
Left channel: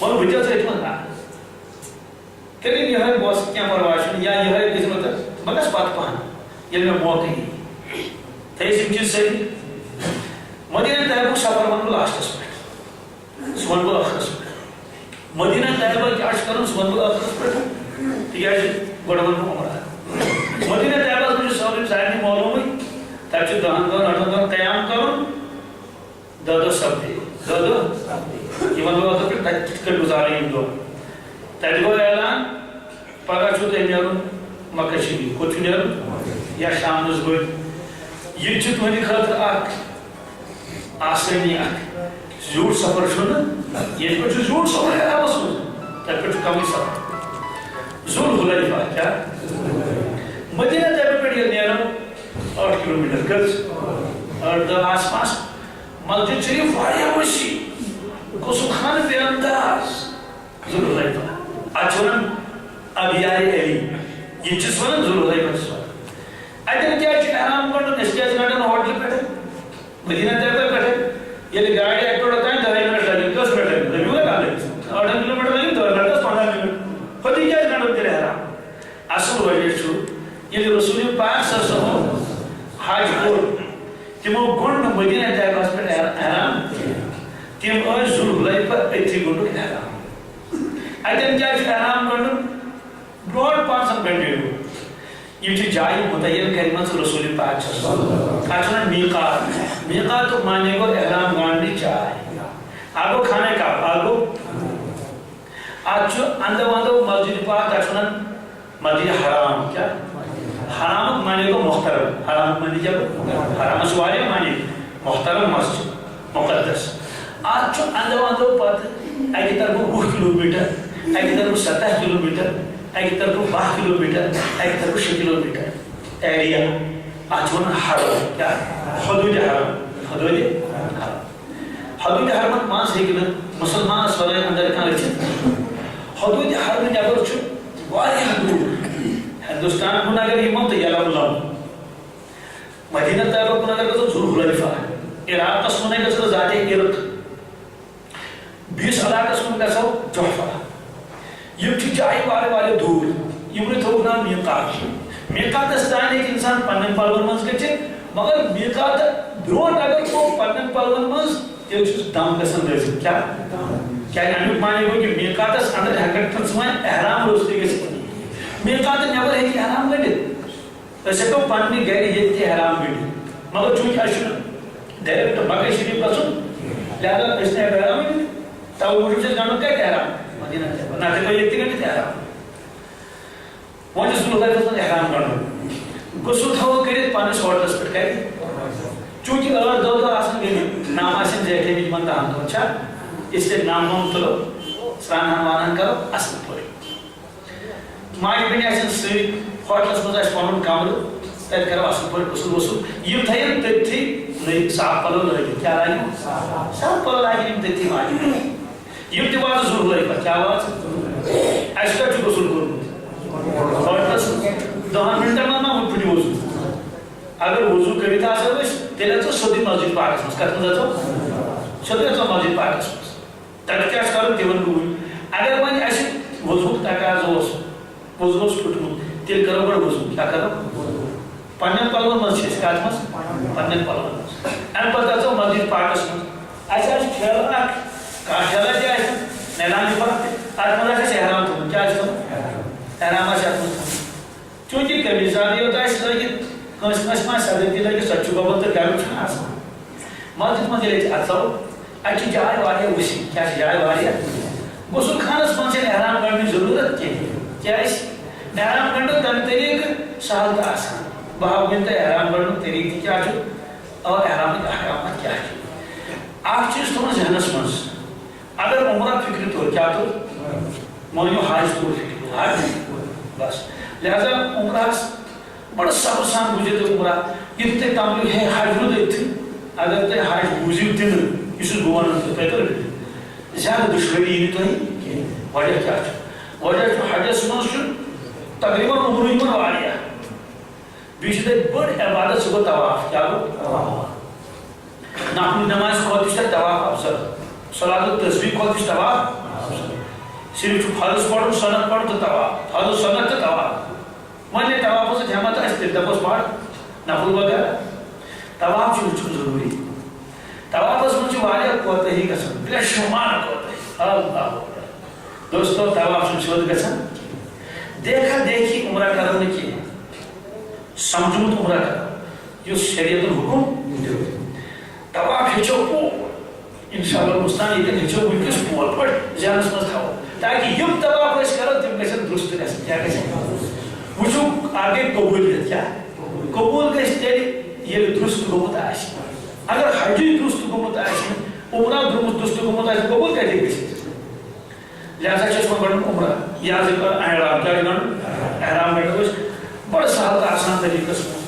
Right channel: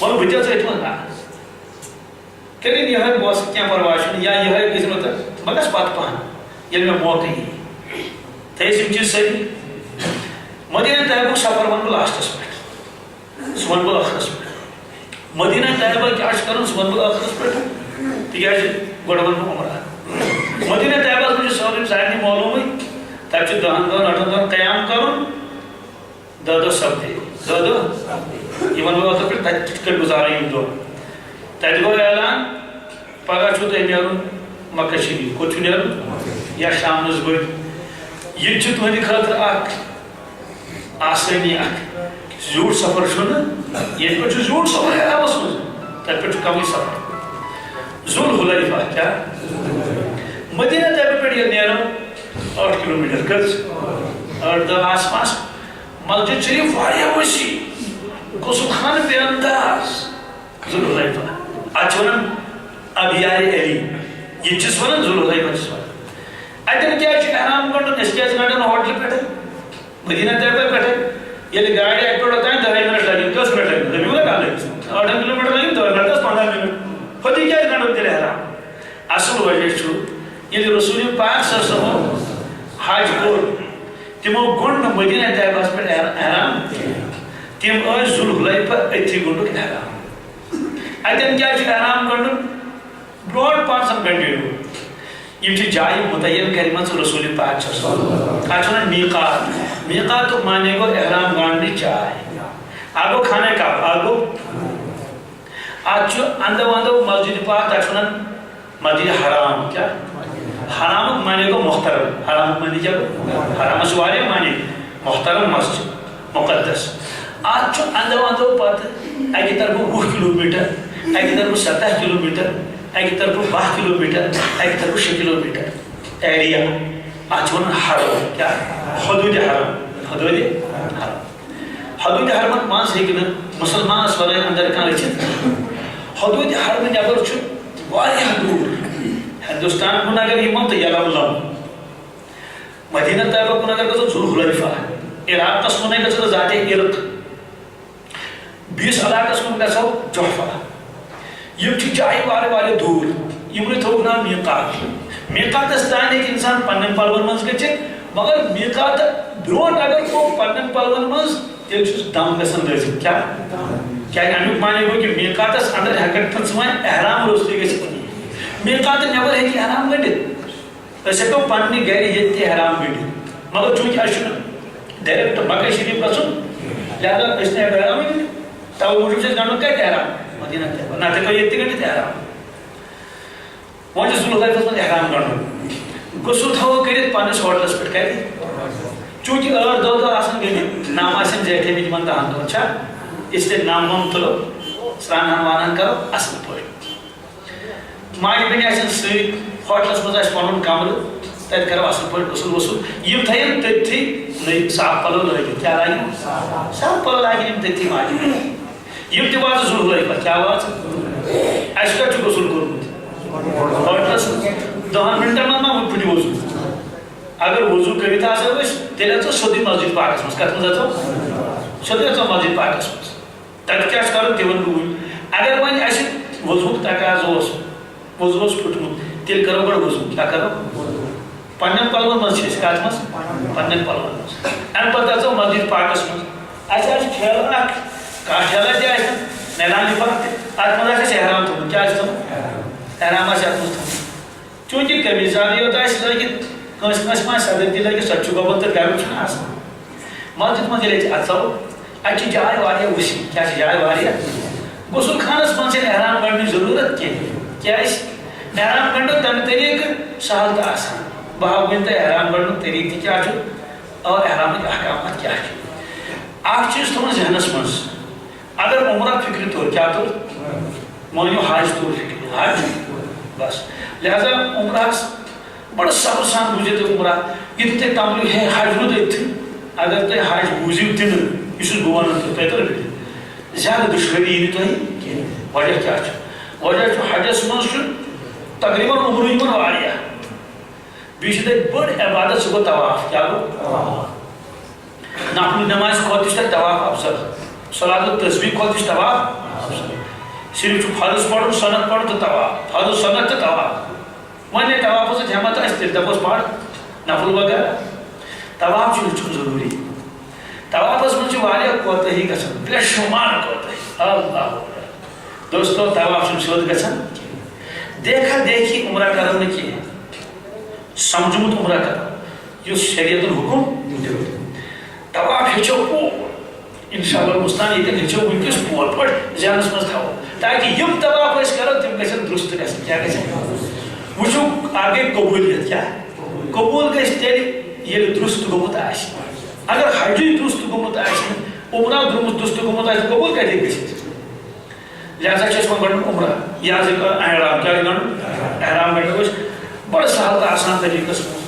اور بچہ سے اتمن رہا کریں یہ ہے بوس کیا پرواشن یا یہ ہے قسمت مگس بات پہن یہ میں موقع ہی تیسیم چیز صحیح مدینہ طیبہ سفر من لاسٹس پہ سون بل آخرس پہ مدینہ طیبہ کیا کرن سون بل آخرس پہ تکیہ گوڑون عمرہ مدینہ طیبہ مجھے سوری ظاہر معلوم ہے تب چھو دہن دہن اٹھن دہن قیام کرن دادو سب دے دادو یہ من بل آخر پہ تکر گزارے ہیں دو تیجگو اعلان پاگا چھو تے نیرون مکہ شریف کو چھو نیرون یا شام نزبر یہ چھو تمہیں خاطر آکھ آسانی آکھ زیور سفر چھونا یہ پر چھو زیور سفر ہے آواز میں تب پر چھو کمی سفر ذل حلیفہ کیا مدینہ طیبہ پر یہ نیرون 8 کلومیٹر کرز اور دا آس پاس مسجد شریف واریہ وشی قسم خان بے انداز ذل حلیفہ آچونن ابیار علی یہ چیز ونن ذل حلیفہ چیز ونن ایتن کیا چھو احرام کرن اس کیا جناٹن ہوٹل پیٹھے مدینہ طیبہ پیٹھے یہ گاڑی ایک توڑ ہوتا ہے 2.5 منٹ لگیں 10 منٹ لگیں زمین میں کہا لیں 8 کلومیٹر لگیں 2 منٹ 10-15 منٹ خودی کیا جناٹن تیرے حرام اصل وجہ چھو یہ رسول پاک صلی اللہ علیہ وسلم حاج کور تمو گنڈ مدینہ طیبہ پر احرام تم آج ذل حلیفہ ایتھی گنڈ احرام ایتن کیا چھو احرام گنڈ برڈ 5 گھنٹے یہ چھ جائے متعین کریمت رسول پاک صلی اللہ علیہ وسلم آچھونا میقات میقات تو مانے کو احرام گانڈی چاہے آگو کھانے کا آگو آچھو اندو اندو مسجد پاک آچھونا مسجد حرام کیا حرام مانے کو محترم حرام مانے جب حرام سوارے مانے محترم مسجد مقدس آچھو اندو اندو پات ایک طرف 20 کلومیٹر ایک طرف 17 کلومیٹر ایک طرف 12 کلومیٹر ایک طرف 6 کلومیٹر ایریا آچھون حرم کیا حدود حرم حدود حرم حدود حرمت ماس ہیکن مسلمان ورائے اندر کان اچھت حدود حرم نبر واریاہ دور ہندوستان کن اگر یمو تو یلملم مدینہ طیبہ کن اگر گژھو ذو الحلیفہ عراقس کن گژھو ذات عرق بیس علاقس کن گژھو جحفہ یم جائیں وارے دور یمن تھوک نام میقات میقاتس تان ایک انسان پنن پلون مز گژھِ مگر میقات برونٹ اگر وہ پنن پلون مز تیل چھُس دم گژھان لٲزِتھ کیا امیُک معنی گوٚو کہِ میقاتس اندر ہٮ۪کَکھ نہٕ ژٕ وۄنۍ احرام روٚستُے گٔژھِتھ میقات نٮ۪بر ہیٚکہِ احرام گٔنڈِتھ أسۍ ہٮ۪کو پننہِ گرِ ییٚتہِ تہِ احرام گٔنڈِتھ مگر چوٗنٛکہِ اَسہِ چھُنہٕ ڈایریکٹ مکہ شریٖف گژھُن لہذا أسۍ چھِنہٕ ہٮ۪کان احرام گٔنڈِتھ تَوٕ موٗجوٗب چھُ اَسہِ گنٛڈُن کتہِ احرام مدینہ طیبہ نتہٕ ہٮ۪کو ییٚتہِ تہِ گٔنڈِتھ احرام وۄنۍ چھُ ذو الحلیفس منٛز احرام گنٛڈُن غسل تھاوو کٔرِتھ پننِس ہوٹلس پٮ۪ٹھ کتہِ چوٗنٛکہِ 8 دۄہ آسان گٔمٕتۍ نام آسن زیٹھٲمٕتۍ یِمن 10 دۄہن چھا اسلیے نام وام تُلو سرٛانہن وانہن کرو اصل پٲٹھۍ ماجہِ بیٚنہِ آسن سۭتۍ ہوٹلس منٛز آسہِ پنُن کمرٕ تتہِ کرو اصل پٲٹھۍ غسل وسل یِم تھاین تٔتھی صاف پلو لٲگِتھ کیٛاہ لاگن صاف پلو لاگن یِم تٔتھی ماجہِ بیٚنہِ یِم تہِ واتہٕ ذو الحلیفہ کیٛاہ واژٕ اَسہِ کتہِ چھُ غسل کوٚرمُت ہوٹلس 10 منٹن منٛز ما پھٕٹہِ وضوٗ اگر وضوٗ کٔرِتھ آسو أسۍ تیٚلہِ اژو سیوٚدُے مسجد پاکس منٛز کتھ منٛز اژو سیوٚدُے اژو مسجد پاکس منٛز تتہِ کیٛاہ چھُ کرُن تہِ ونہٕ بہٕ وٕنۍ اگر وۄنۍ اَسہِ وضوٗک تقاضہٕ اوس وضوٗ اوس پھُٹمُت تیٚلہِ کرو گۄڈٕ وضوٗ کیٛاہ کرو پننٮ۪ن پلون منٛز چھِ أسۍ کتھ منٛز پننٮ۪ن پلون منٛز امہِ پتہٕ اژو مسجد پاکس منٛز اَسہِ آسہِ ٹھیلہٕ اکھ کانٛہہ ٹھیلہ تہِ آسہِ نیران لِفاف تہِ تتھ منٛز آسہِ اَسہِ احرام تھوٚمُت کیٛاہ آسہِ تھوٚمُت احرام آسہِ اتھ منٛز تھوٚمُت چوٗنٛکہِ قمیٖض یوت آسہِ لٲگِتھ کٲنٛسہِ کٲنٛسہِ ما آسہِ صدر تہِ لٲگِتھ سۄ تہِ چھُ گوٚمُت تہٕ گرُم چھُنہٕ آسان مسجد منٛز ییٚلہِ أسۍ اژو اَتہِ چھِ جاے واریاہ وسیع کیٛاہ چھِ جاے واریاہ غسل خانس منٛز چھنہٕ احرام گنڈنٕچ ضروٗرت کینٛہہ کیٛازِ احرام گنڈُن تمہِ طریٖقہٕ سہل تہٕ آسان بہٕ ہاوٕ وۄنۍ تۄہہِ احرام گنڈنُک طریٖقہٕ تہِ کیٛاہ چھُ اور احرامٕکۍ احکامات کیٛاہ چھِ اکھ چیٖز تھوٚمُت ذہنس منٛز اگر عمرہ فکرِ طور کیٛاہ طور مٲنِو حج طور فکرِ حج بس لہذا عمرہس بڑٕ صبر سان بوٗزِو تُہۍ عمرہ یُتھ تۄہہِ تمبلِو ہے حج روٗد أتتھٕے اگر تُہۍ حج بوٗزِو تہِ نہٕ یہِ چھُس بہٕ ونان تۄہہِ تۄہہِ ترِ زیادٕ دُشوٲری یی نہٕ تۄہہِ کینٛہہ وجہ کیٛاہ چھُ وجہ چھُ حجس منٛز چھُ تقریٖباً عمرٕ یِوان واریاہ بیٚیہِ چھِ تَتہِ بٔڑ عبادت سُہ گوٚو طواف کیٛاہ گوٚو نفل نمازِ کھۄتہٕ تہِ چھُ تَتہِ طواف افضل صلات التسبیح کھۄتہٕ تہِ چھُ طواف صرف چھُ فرض پرُن سنت پرُن تہٕ طواف فرض سنت تہٕ طواف وۄنۍ ییٚلہِ طوافس سۭتۍ ہٮ۪مت آسہِ تیٚلہِ دپوس پر نفل وغیرہ طواف چھُ وٕچھُن ضروٗری طوافس منٛز چھِ واریاہ کوتٲہی گژھان بے شُمار کوتٲہی اللہ دوستو طواف چھُنہٕ سیوٚد گژھان دیکھا دیکھی عمرہ کرو نہٕ کینٛہہ سمجھمُت عمرہ کرو یُس شریعتُن حُکم دیُت طواف ہیٚچھو پوٗرٕ انشاء اللہ مستان ییٚتٮ۪ن ہیٚچھو وٕنکٮ۪س پوٗرٕ پٲٹھۍ ذہنس منٛز تھاوو تاکہِ یِم طواف أسۍ کرو تِم گژھن درُست گژھٕنۍ کیٛاہ گژھن وٕچھو اکھ گٔے قبوٗلیت کیٛاہ قبوٗل گژھِ تیٚلہِ ییٚلہِ درُست گوٚمُت آسہِ اگر حجٕے درُست گوٚمُت آسہِ نہٕ عمرہ درُست گوٚمُت آسہِ قبوٗل کتہِ ہیٚکہِ گٔژھِتھ لہذا چھِ اَسہِ وۄنۍ گنٛڈُن عمرہ یہِ حظ احرام کیٛاہ گنٛڈُن احرام گنٛڈو أسۍ بڑٕ سہل تہٕ آسان طریٖقس منٛز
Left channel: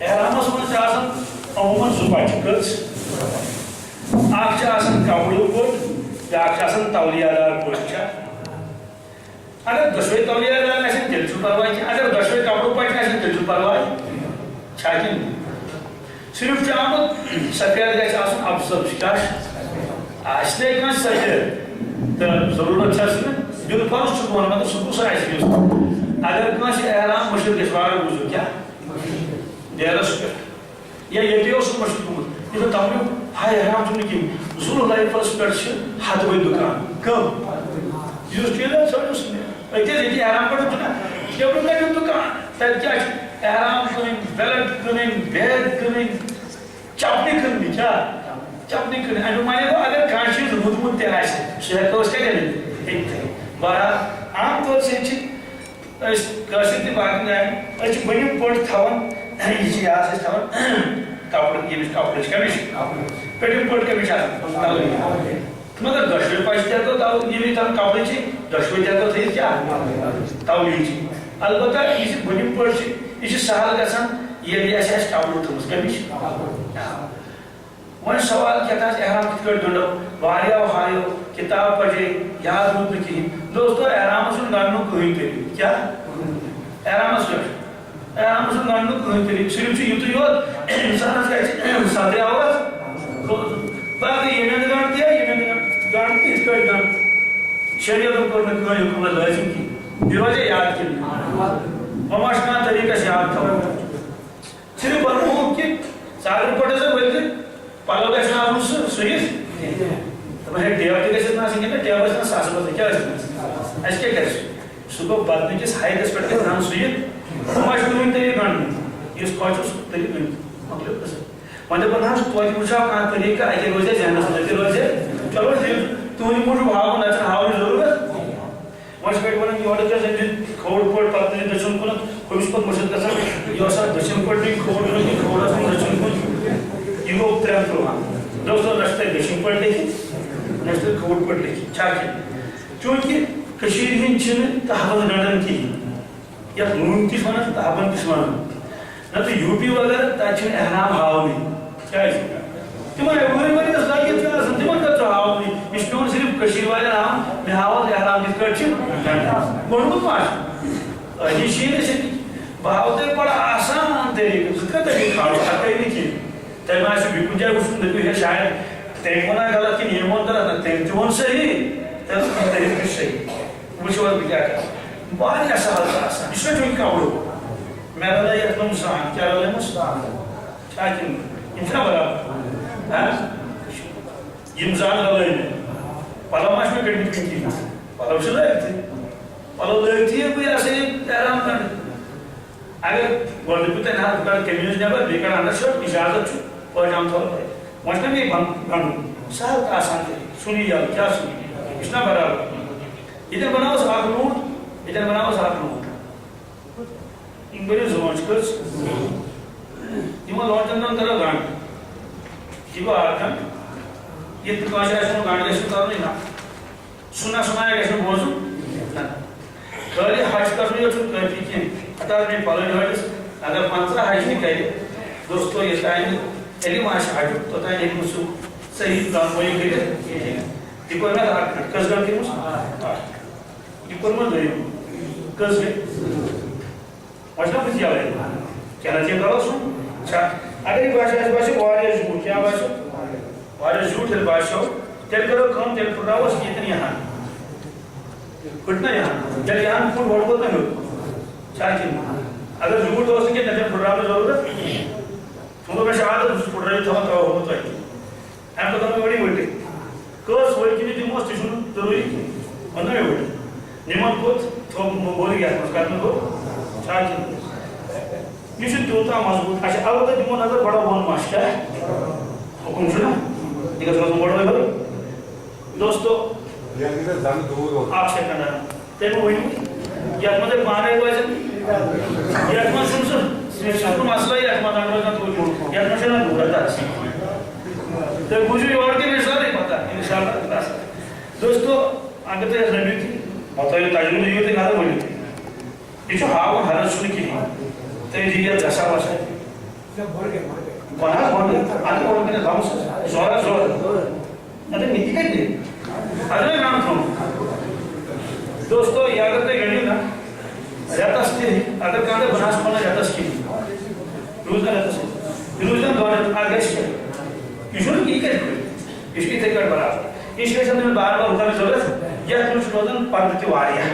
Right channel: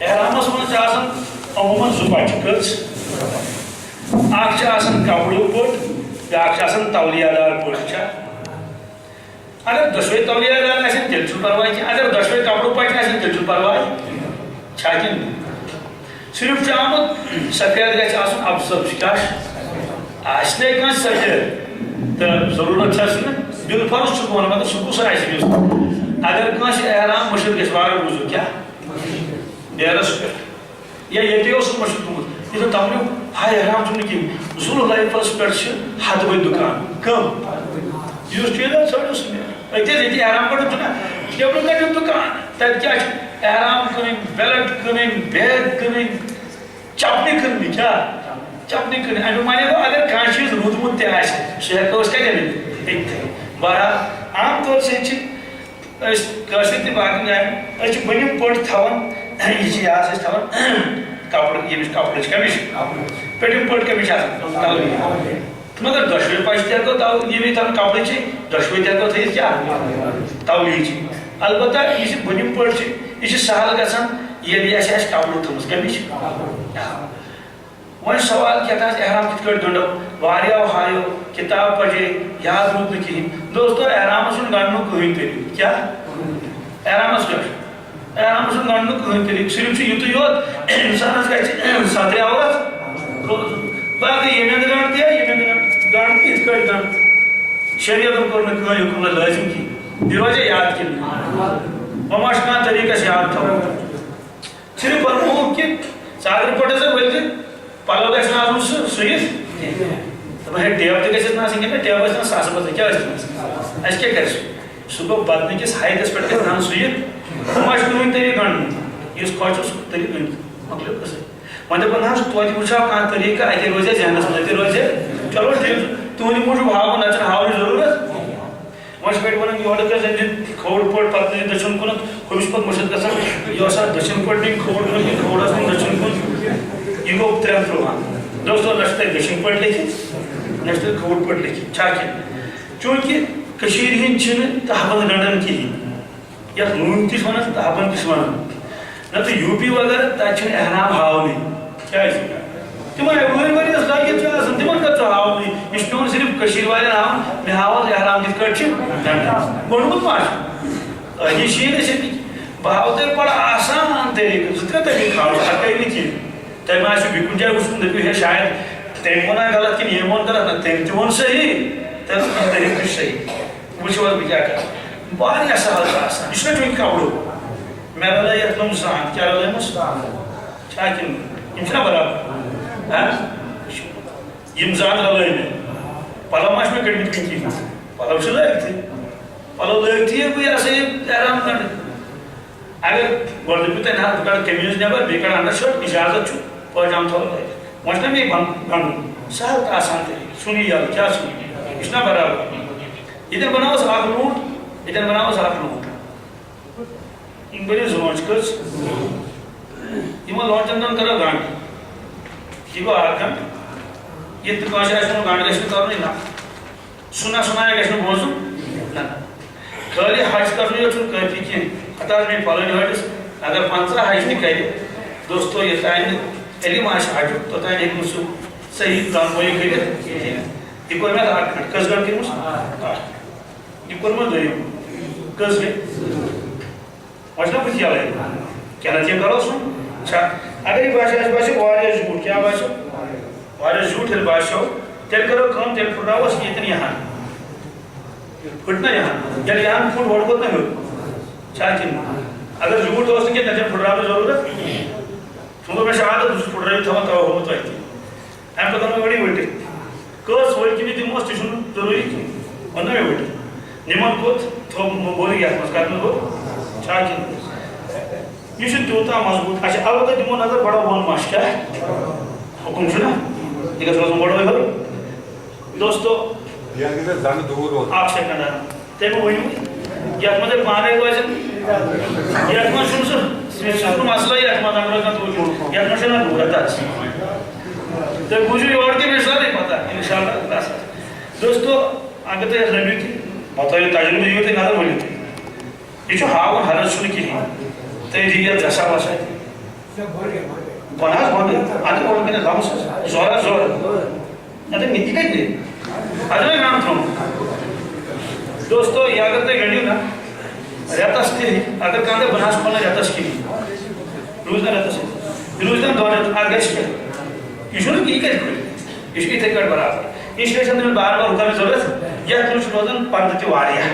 احرامس منٛز چھِ آسان عموٗماً 2 بچہِ کٔژ اکھ چھِ آسان کپرُک پوٚٹ بیٛاکھ چھِ آسان تولیہ دار پوٚٹ چھا اگر دۄشوے تولیہ دار آسن تیٚلہِ چھُنہٕ پرواے کینٛہہ اگر دۄشوے کپرُک پچہِ آسن تیٚلہِ چھُنہٕ پرواے چھا کِنہٕ صرف چھُ آمُت سفید گژھِ آسُن افضل کیٛاہ آسہِ نَے کٲنٛسہِ سفید تہٕ ضروٗرت چھَس نہٕ بالفرض چھُ بہٕ وَنان مطلب سُہ کُس آسہِ یُس اگر کٲنٛسہِ احرام مٔشِد گژھِ واریاہ وضوٗ کیٛاہ ڈیرس پٮ۪ٹھ یا ییٚتے اوس مٔشِد گوٚمُت ییٚلہِ دپنو ہاے احرام چھُنہٕ کِہیٖنۍ ذو الحلیفس پٮ۪ٹھ چھِ ہتہٕ بٔدۍ دُکان کٕم یُس ٹیلر ژھٲنٛڈِو سُہ أتی ییٚتہِ احرام کٔڑِو چھُنہ نیبرٕ کٔڑِو دُکان تتہِ کیٛاہ چھُ احرام کٕنٕنۍ بیلٹ کٕنٕنۍ بیگ کٕنٕنۍ چپنہِ کٕننہِ کیٛاہ چپنہِ کٕنٕنۍ امیُک معنی گوٚو اگر کانٛہہ چیٖز روٗدمُت تہِ آسہِ سُہ ہٮ۪کو أسۍ کتہِ أنِتھ أتتھٕے بہرحال عام طور سۭتۍ چھِ أسۍ کٲشِر تہِ باقٕے جایَن أسۍ چھِ بٔنِم پٔٹ تھاوان یہِ چھِ یہِ ہسا چھِ تھاوان کپرٕ ییٚمِچ کپرٕچ کمیٖز پٔٹِم پٔٹ کمیٖز چھِ آسان مگر دۄشوے پچہِ تہِ ہٮ۪کو ییٚمِچ تھاوان کپرٕچی دۄشوے تہِ ہٮ۪کو تھٲیِتھ کیٛاہ تولیہٕچی البتہ یہ بنیم پہ یہ سہل گژھان ییٚلہِ اَسہِ آسہِ کپڑٕ تھٲومٕژ کٔمِچ وۄنۍ سوال کیٛاہ احرام کِتھ کٲٹھۍ گنٛڈو واریاہو ہایو کِتاب پرے یاد روٗد نہٕ کِہیٖنۍ دوستو احرامس چھُنہٕ گنٛڈنُک کٕہٕنۍ طریٖقہٕ کیٛاہ احرامس کیٛاہ احرامس چھُنہٕ گنٛڈنُک کٕہٕنۍ طریٖقہٕ صرف چھُ یُتُے یوت اِنسانس گژھِ صدرِ اول روزُن باقٕے ییٚمہِ اندٕ گنٛڈ تہِ ییٚمہِ اندٕ گنٛڈ تہِ یِتھ کٲٹھۍ گنٛڈ شریعتن کوٚر نہٕ کٕہٕنۍ حُکم لٲزِم کِہیٖنۍ یہِ روزِ یاد کِنہٕ وۄنۍ ما چھُ کانٛہہ طریٖقہٕ اَسہِ یاد تھاوُن صرف ونمو کہ ژادرِ پٮ۪ٹھ ہسا ؤلِتھ پلو گژھِ نہٕ آسُن سُہ سُوِتھ دپان ہے ٹیب تہِ گژھٮ۪س نہٕ آسٕنۍ کینٛہہ ٹیب ٲسۍ نہٕ ساسہٕ بدلہٕ کیٛاہ ٲسۍ اَسہِ کیٛاہ کرِ سُہ گوٚو بدنہٕ کِس ہایٹس پٮ۪ٹھ گژھِ نہٕ سُوِتھ ہُہ ما چھُ کٕہٕنۍ طریٖقہٕ گنٛڈنُک یُس خۄش چھُ سُہ طریٖقہٕ گنٛڈِتھ مۄکلیو قٕصہٕ وۄنۍ دپان حظ توتہِ وٕچھو کانٛہہ طریٖقہٕ اَتہِ روزِ ذہنس منٛز اَتہِ روزِ چلو ٹھیٖک تُہنٛدِ موٗجوٗب ہاوُن نتہٕ چھُنہٕ ہاونٕچ ضروٗرت وۄنۍ چھِ پٮ۪ٹھ وَنان یورٕ گژھِ أنۍ کھووُر پٲٹھۍ پتہٕ نِتھ دٔچھُن کُنتھ ہُمِس پتہٕ مٔشِد گژھان یہِ اوس اَتھ دٔچھِنۍ پٲٹھۍ نِنۍ کھووُر کُن کِنہٕ کھووُرس کُن دٔچھُن کُن یہِ گوٚو 3 دوستو نہ چھُ تَتہِ دٔچھِنۍ پٲٹھۍ لیکھِتھ نہ چھُ تَتہِ کھووُر پٲٹھۍ لیکھِتھ چھا کینٛہہ چوٗنٛکہِ کٔشیٖرِ ہِنٛدۍ چھِنہٕ تہبنٛد گنٛڈان کِہیٖنۍ یَتھ نوٗن تہِ چھِ وَنان تہبنٛد تہِ چھِ وَنان نتہٕ یوٗ پی وغیرہ تَتہِ چھُنہٕ احرام ہاونٕے کیٛازِ تِمن ؤرۍ ؤرِیَس لٲگِتھ چھُ آسان تِمن کَتہِ چھُ ہاونٕے یہِ چھُ پیٚوان صرف کٔشیٖرِ والٮ۪ن ہاوُن مےٚ ہاو حظ احرام کِتھ کٲٹھۍ چھِ گنٛڈان گوٚنڈمُت ما چھُ أہی شیٖن ٲسۍ بہٕ ہاوو تۄہہِ بڑٕ آسان طریٖقہٕ 2-3 طریٖقہٕ ہاوو ہرکٲنۍ نہٕ کِہیٖنۍ تۄہہِ ما آسِوٕ بیٚیہِ کُنہِ جایہِ وٕچھمُت دٔپِو ہے شاید تٔمۍ ووٚنا غلط کِنہٕ ییٚمۍ ووٚن غلط نہ تٔمۍ تہِ ووٚن صحیح تٔمۍ طریٖقہٕ تہِ چھُ صحیح وٕچھو حظ بہٕ کیٛاہ کرٕ واریاہ سہل چھُ آسان یہِ چھُنہ چوٗنٛکہِ کپرُک مےٚ رلٲے یتھ منٛز زان کیٛاہ رلٲیمٕژ چھا کِنہٕ یِم چھِنہ برابر یِم زان رلٲے مےٚ پلو ما چھِ مےٚ کٔڑمٕتۍ کُنہِ کِہیٖنۍ پلو چھِ لٲگتھٕے پلو لٲگتھٕے ییٚلہِ بہٕ یہِ ہسا یہِ احرام گنٛڈٕ اگر گۄڈٕ دٔپِو تۄہہِ نہ بہٕ کڑٕ قمیٖض نٮ۪بر بیٚیہِ کڑٕ انڈر شٲٹ اِجازت چھُ پٲجام تھاوو لٲگِتھ وۄنۍ چھُنہ مےٚ گنٛڈُن سہل تہٕ آسان طریٖقہٕ ژھُنٕے یَلہٕ کیٛاہ ژھُنٕے یہِ چھُنہ برابر ییٚتٮ۪ن بناوس اکھ لوٗنٛٹ ییٚتٮ۪ن بناوس اکھ لوٗنٛٹ یِم بٔرِو زونٛچ کٔژ یِمن لونٛٹن دۄن کرو گنٛڈ یہِ گوٚو اکھ گنٛڈ ییٚتہِ تہِ کٲنٛسہِ آسہِ ووٚنمُت گنٛڈ گژھِ نہٕ کرنُے نہ سُنا سُنایا گژھِ نہٕ بوزُن نہ خٲلی حج کرنُے یوت چھُنہٕ کٲفی کینٛہہ ہتا حظ مےٚ پلٲنۍ ہٲٹِس اگر 15 حج تہِ کرِ دوستو یوٚتانۍ نہٕ علم آسہِ حجُک توٚتانۍ ہیٚکہِ نہٕ سُہ صحیح رۄنمٲیی کٔرِتھ کِہیٖنۍ یہِ کوٚر مےٚ اکھ گنٛڈ کٔژ گنٛڈ کٔرمٕژ یہِ کوٚرمُت دوٚیِم کٔژ گٔے وۄنۍ چھُنہ بٕتھِ یَلَے کیٛاہ نتہٕ کرو سُہ چھا اگر یہِ باسہِ اَسہِ باسہِ واریاہ زیوٗٹھ کیٛاہ باسیو واریاہ زیوٗٹھ ییٚلہِ باسیو تیٚلہِ کرو کٲم تیٚلہِ پھٕٹراووس ییٚتٮ۪ن یِہَن پھٕٹ نہ یِہَن ییٚلہِ یِہَن پھُٹ گۄڈٕ ووت نہ ہیوٚر چھا کِنہٕ اگر زیوٗٹھ اوس نہٕ کینٛہہ تیٚلہِ چھَنہٕ پھٕٹراونٕچ ضروٗرت وۄنۍ مےٚ چھُ عادت بہٕ چھُس پھٕٹرٲوِتھ تھاوان تَوے ہووُم تۄہہِ تہِ اَمہِ پَتہٕ ووٚن مےٚ ؤٹِتھ کٔژ ؤٹۍ کِنہٕ دِموس تہِ چھُنہٕ ضروٗری کینٛہہ ووٚن نہ مےٚ ؤٹِتھ نِمن کوٚت تھوٚو بوٚر یَتھ منٛز کَتھ منٛز گوٚو چھا کِنہٕ یہِ چھُ تیوٗتاہ مضبوٗط اچھا البتہ دِمو نظر بڑٕ بۄن ما چھُ کیٛاہ حُکُم چھُنہ یہِ گژھِ روزُن بڑٕ ہیوٚر دوستو اکھ سیکنڈ تٔمۍ ؤنِو یتھ منٛز تۄہہِ پانے روزن یتھ منٛز چھُنہٕ سُہ مسلہٕ یتھ منٛز اگر روزان توٗرۍ یتھ منٛز چھنہ ضروٗرت آسان تُہۍ بوٗزِو یورٕ تہِ مےٚ چھِ سٲرٕے پتہ انشاء اللہ دوستو اگر تُہۍ اَتھ رٔنِو تہِ بتٲیِو تجرُبہٕ دِیِو تُہۍ نظر ؤنِو تُہۍ یہِ چھُ ہاوُن حرج چھُنہٕ کِہیٖنۍ تُہۍ دِیِو یتھ گژھا وسا بۄنہٕ حظ بۄنہٕ اَدٕ بۄنہٕ کَنٮ۪تھ تھاوُس زورا زور اَدٕ مےٚ تہِ کَتہِ نیرِ اَدٕ مےٚ گنٛڈ تھوٚومُت دوستو یہِ اگر تُہۍ گٔنڈِو نہ رٮ۪تس تہِ اگر کانٛہہ دپہِ بہٕ نہ حظ کھولنہٕ رٮ۪تس کِہیٖنۍ روٗز نہ رٮ۪تس یہِ روٗزِ نہ 2 رٮ۪تھ اَتھ گژھِ کیٛاہ یہِ چھُنہٕ یہِ کَتہِ کھُلہِ یہِ چھُ یِتھَے کٲٹھۍ برابر اِسلیے چھَنہٕ تٔمِس بار بار رُکاونٕچ ضروٗرت یتھ منٛز چھُ روزان پردٕ تہِ واریاہ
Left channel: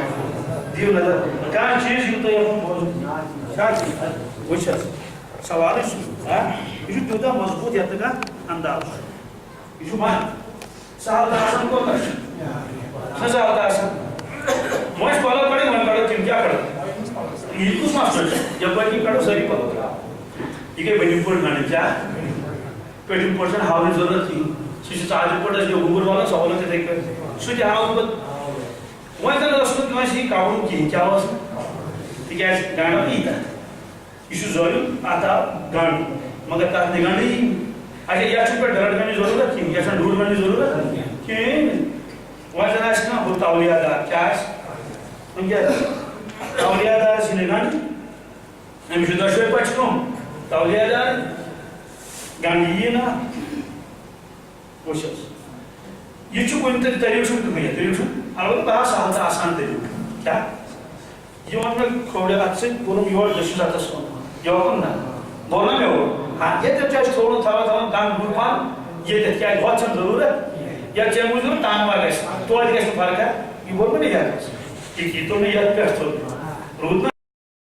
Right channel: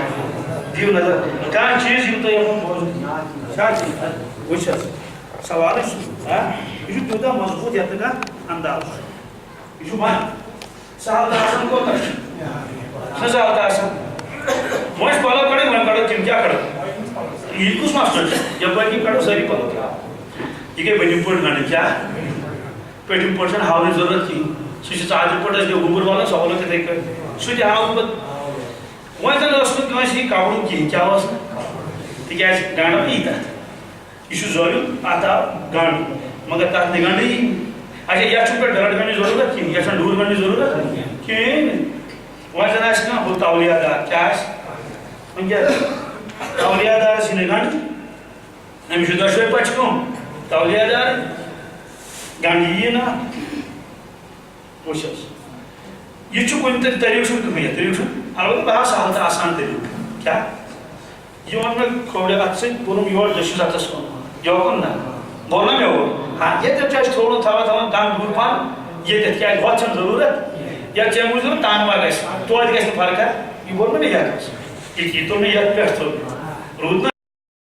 دِیِو نظر کانٛہہ چیٖز یِم تۄہہِ یَتھ منٛز بوزُن چھا وٕچھ حظ سوالٕے چھُ یہِ چھُ تیوٗتاہ مضبوٗط یتھ نہٕ کانٛہہ انداز چھُ یہِ چھُ وۄنۍ سہل تہٕ آسان کوتاہ چھُ چھُنہ سہل تہٕ آسان وۄنۍ چھِ پلو کڑٕنۍ وۄنۍ کڑو تِم کیٛاہ کڑو یہِ کُس مسلہٕ چھُ یپٲرۍ کِنۍ کڑو سٲری پلو یہِ گٔے بٔنِم پٲٹھۍ گنٛڈٕنۍ کیٛاہ پٔتِم پٲٹھۍ چھنہٕ ہاونٕچ ضروٗرت کِہیٖنۍ سُہ چھُ ژادرِ پٲٹھۍ أسۍ گوٚبُر والان سُہ والو تِتھَے کٲٹھۍ سُہ تہِ ہاوُن پتہٕ وۄنۍ زن اوس نہٕ کٲنٛسہِ یہِ کپرُک کِہیٖنۍ کیٛاہ اوس نہٕ تِکیٛازِ گنٛڈو یی تتھ یہِ چھُ زٲریُن اتھ آو گنٛڈ مگر تتھ نہٕ گنٛڈٕ یی اچھا یتھ چھُنہٕ پٮ۪ٹھ ڈرٛٹ گنٛڈنٕچ ضروٗرت کِہیٖنۍ یتھ چھنہٕ ڈوٗر گنٛڈنٕچ ضروٗرت کِہیٖنۍ نہٕ وۄنۍ زن آسہِ کانٛہہ ہُہ تولیہ دار کیٛاہ آسہِ وۄنۍ کیٛاہ تولیہ دار سی گنڈ امس دشوے پچ کم تولیہ دار گنڈ یہ نا وچھس یہ کن طریقہ کہین طریقہ البتہ بہت سہل تو آسان طریقہ کیا یہ ون میں کھوڑے ات سن یور دشس اتس کن یوکن نا بول نا مے ہاں یہ تھوڑا تھوڑا گنڈ دور پہن یہ کیا ہو ضرورت یا چھ موجود تان ما گھس توتہ گھس فرق یہ بول نا یہ تو یہ پہ رود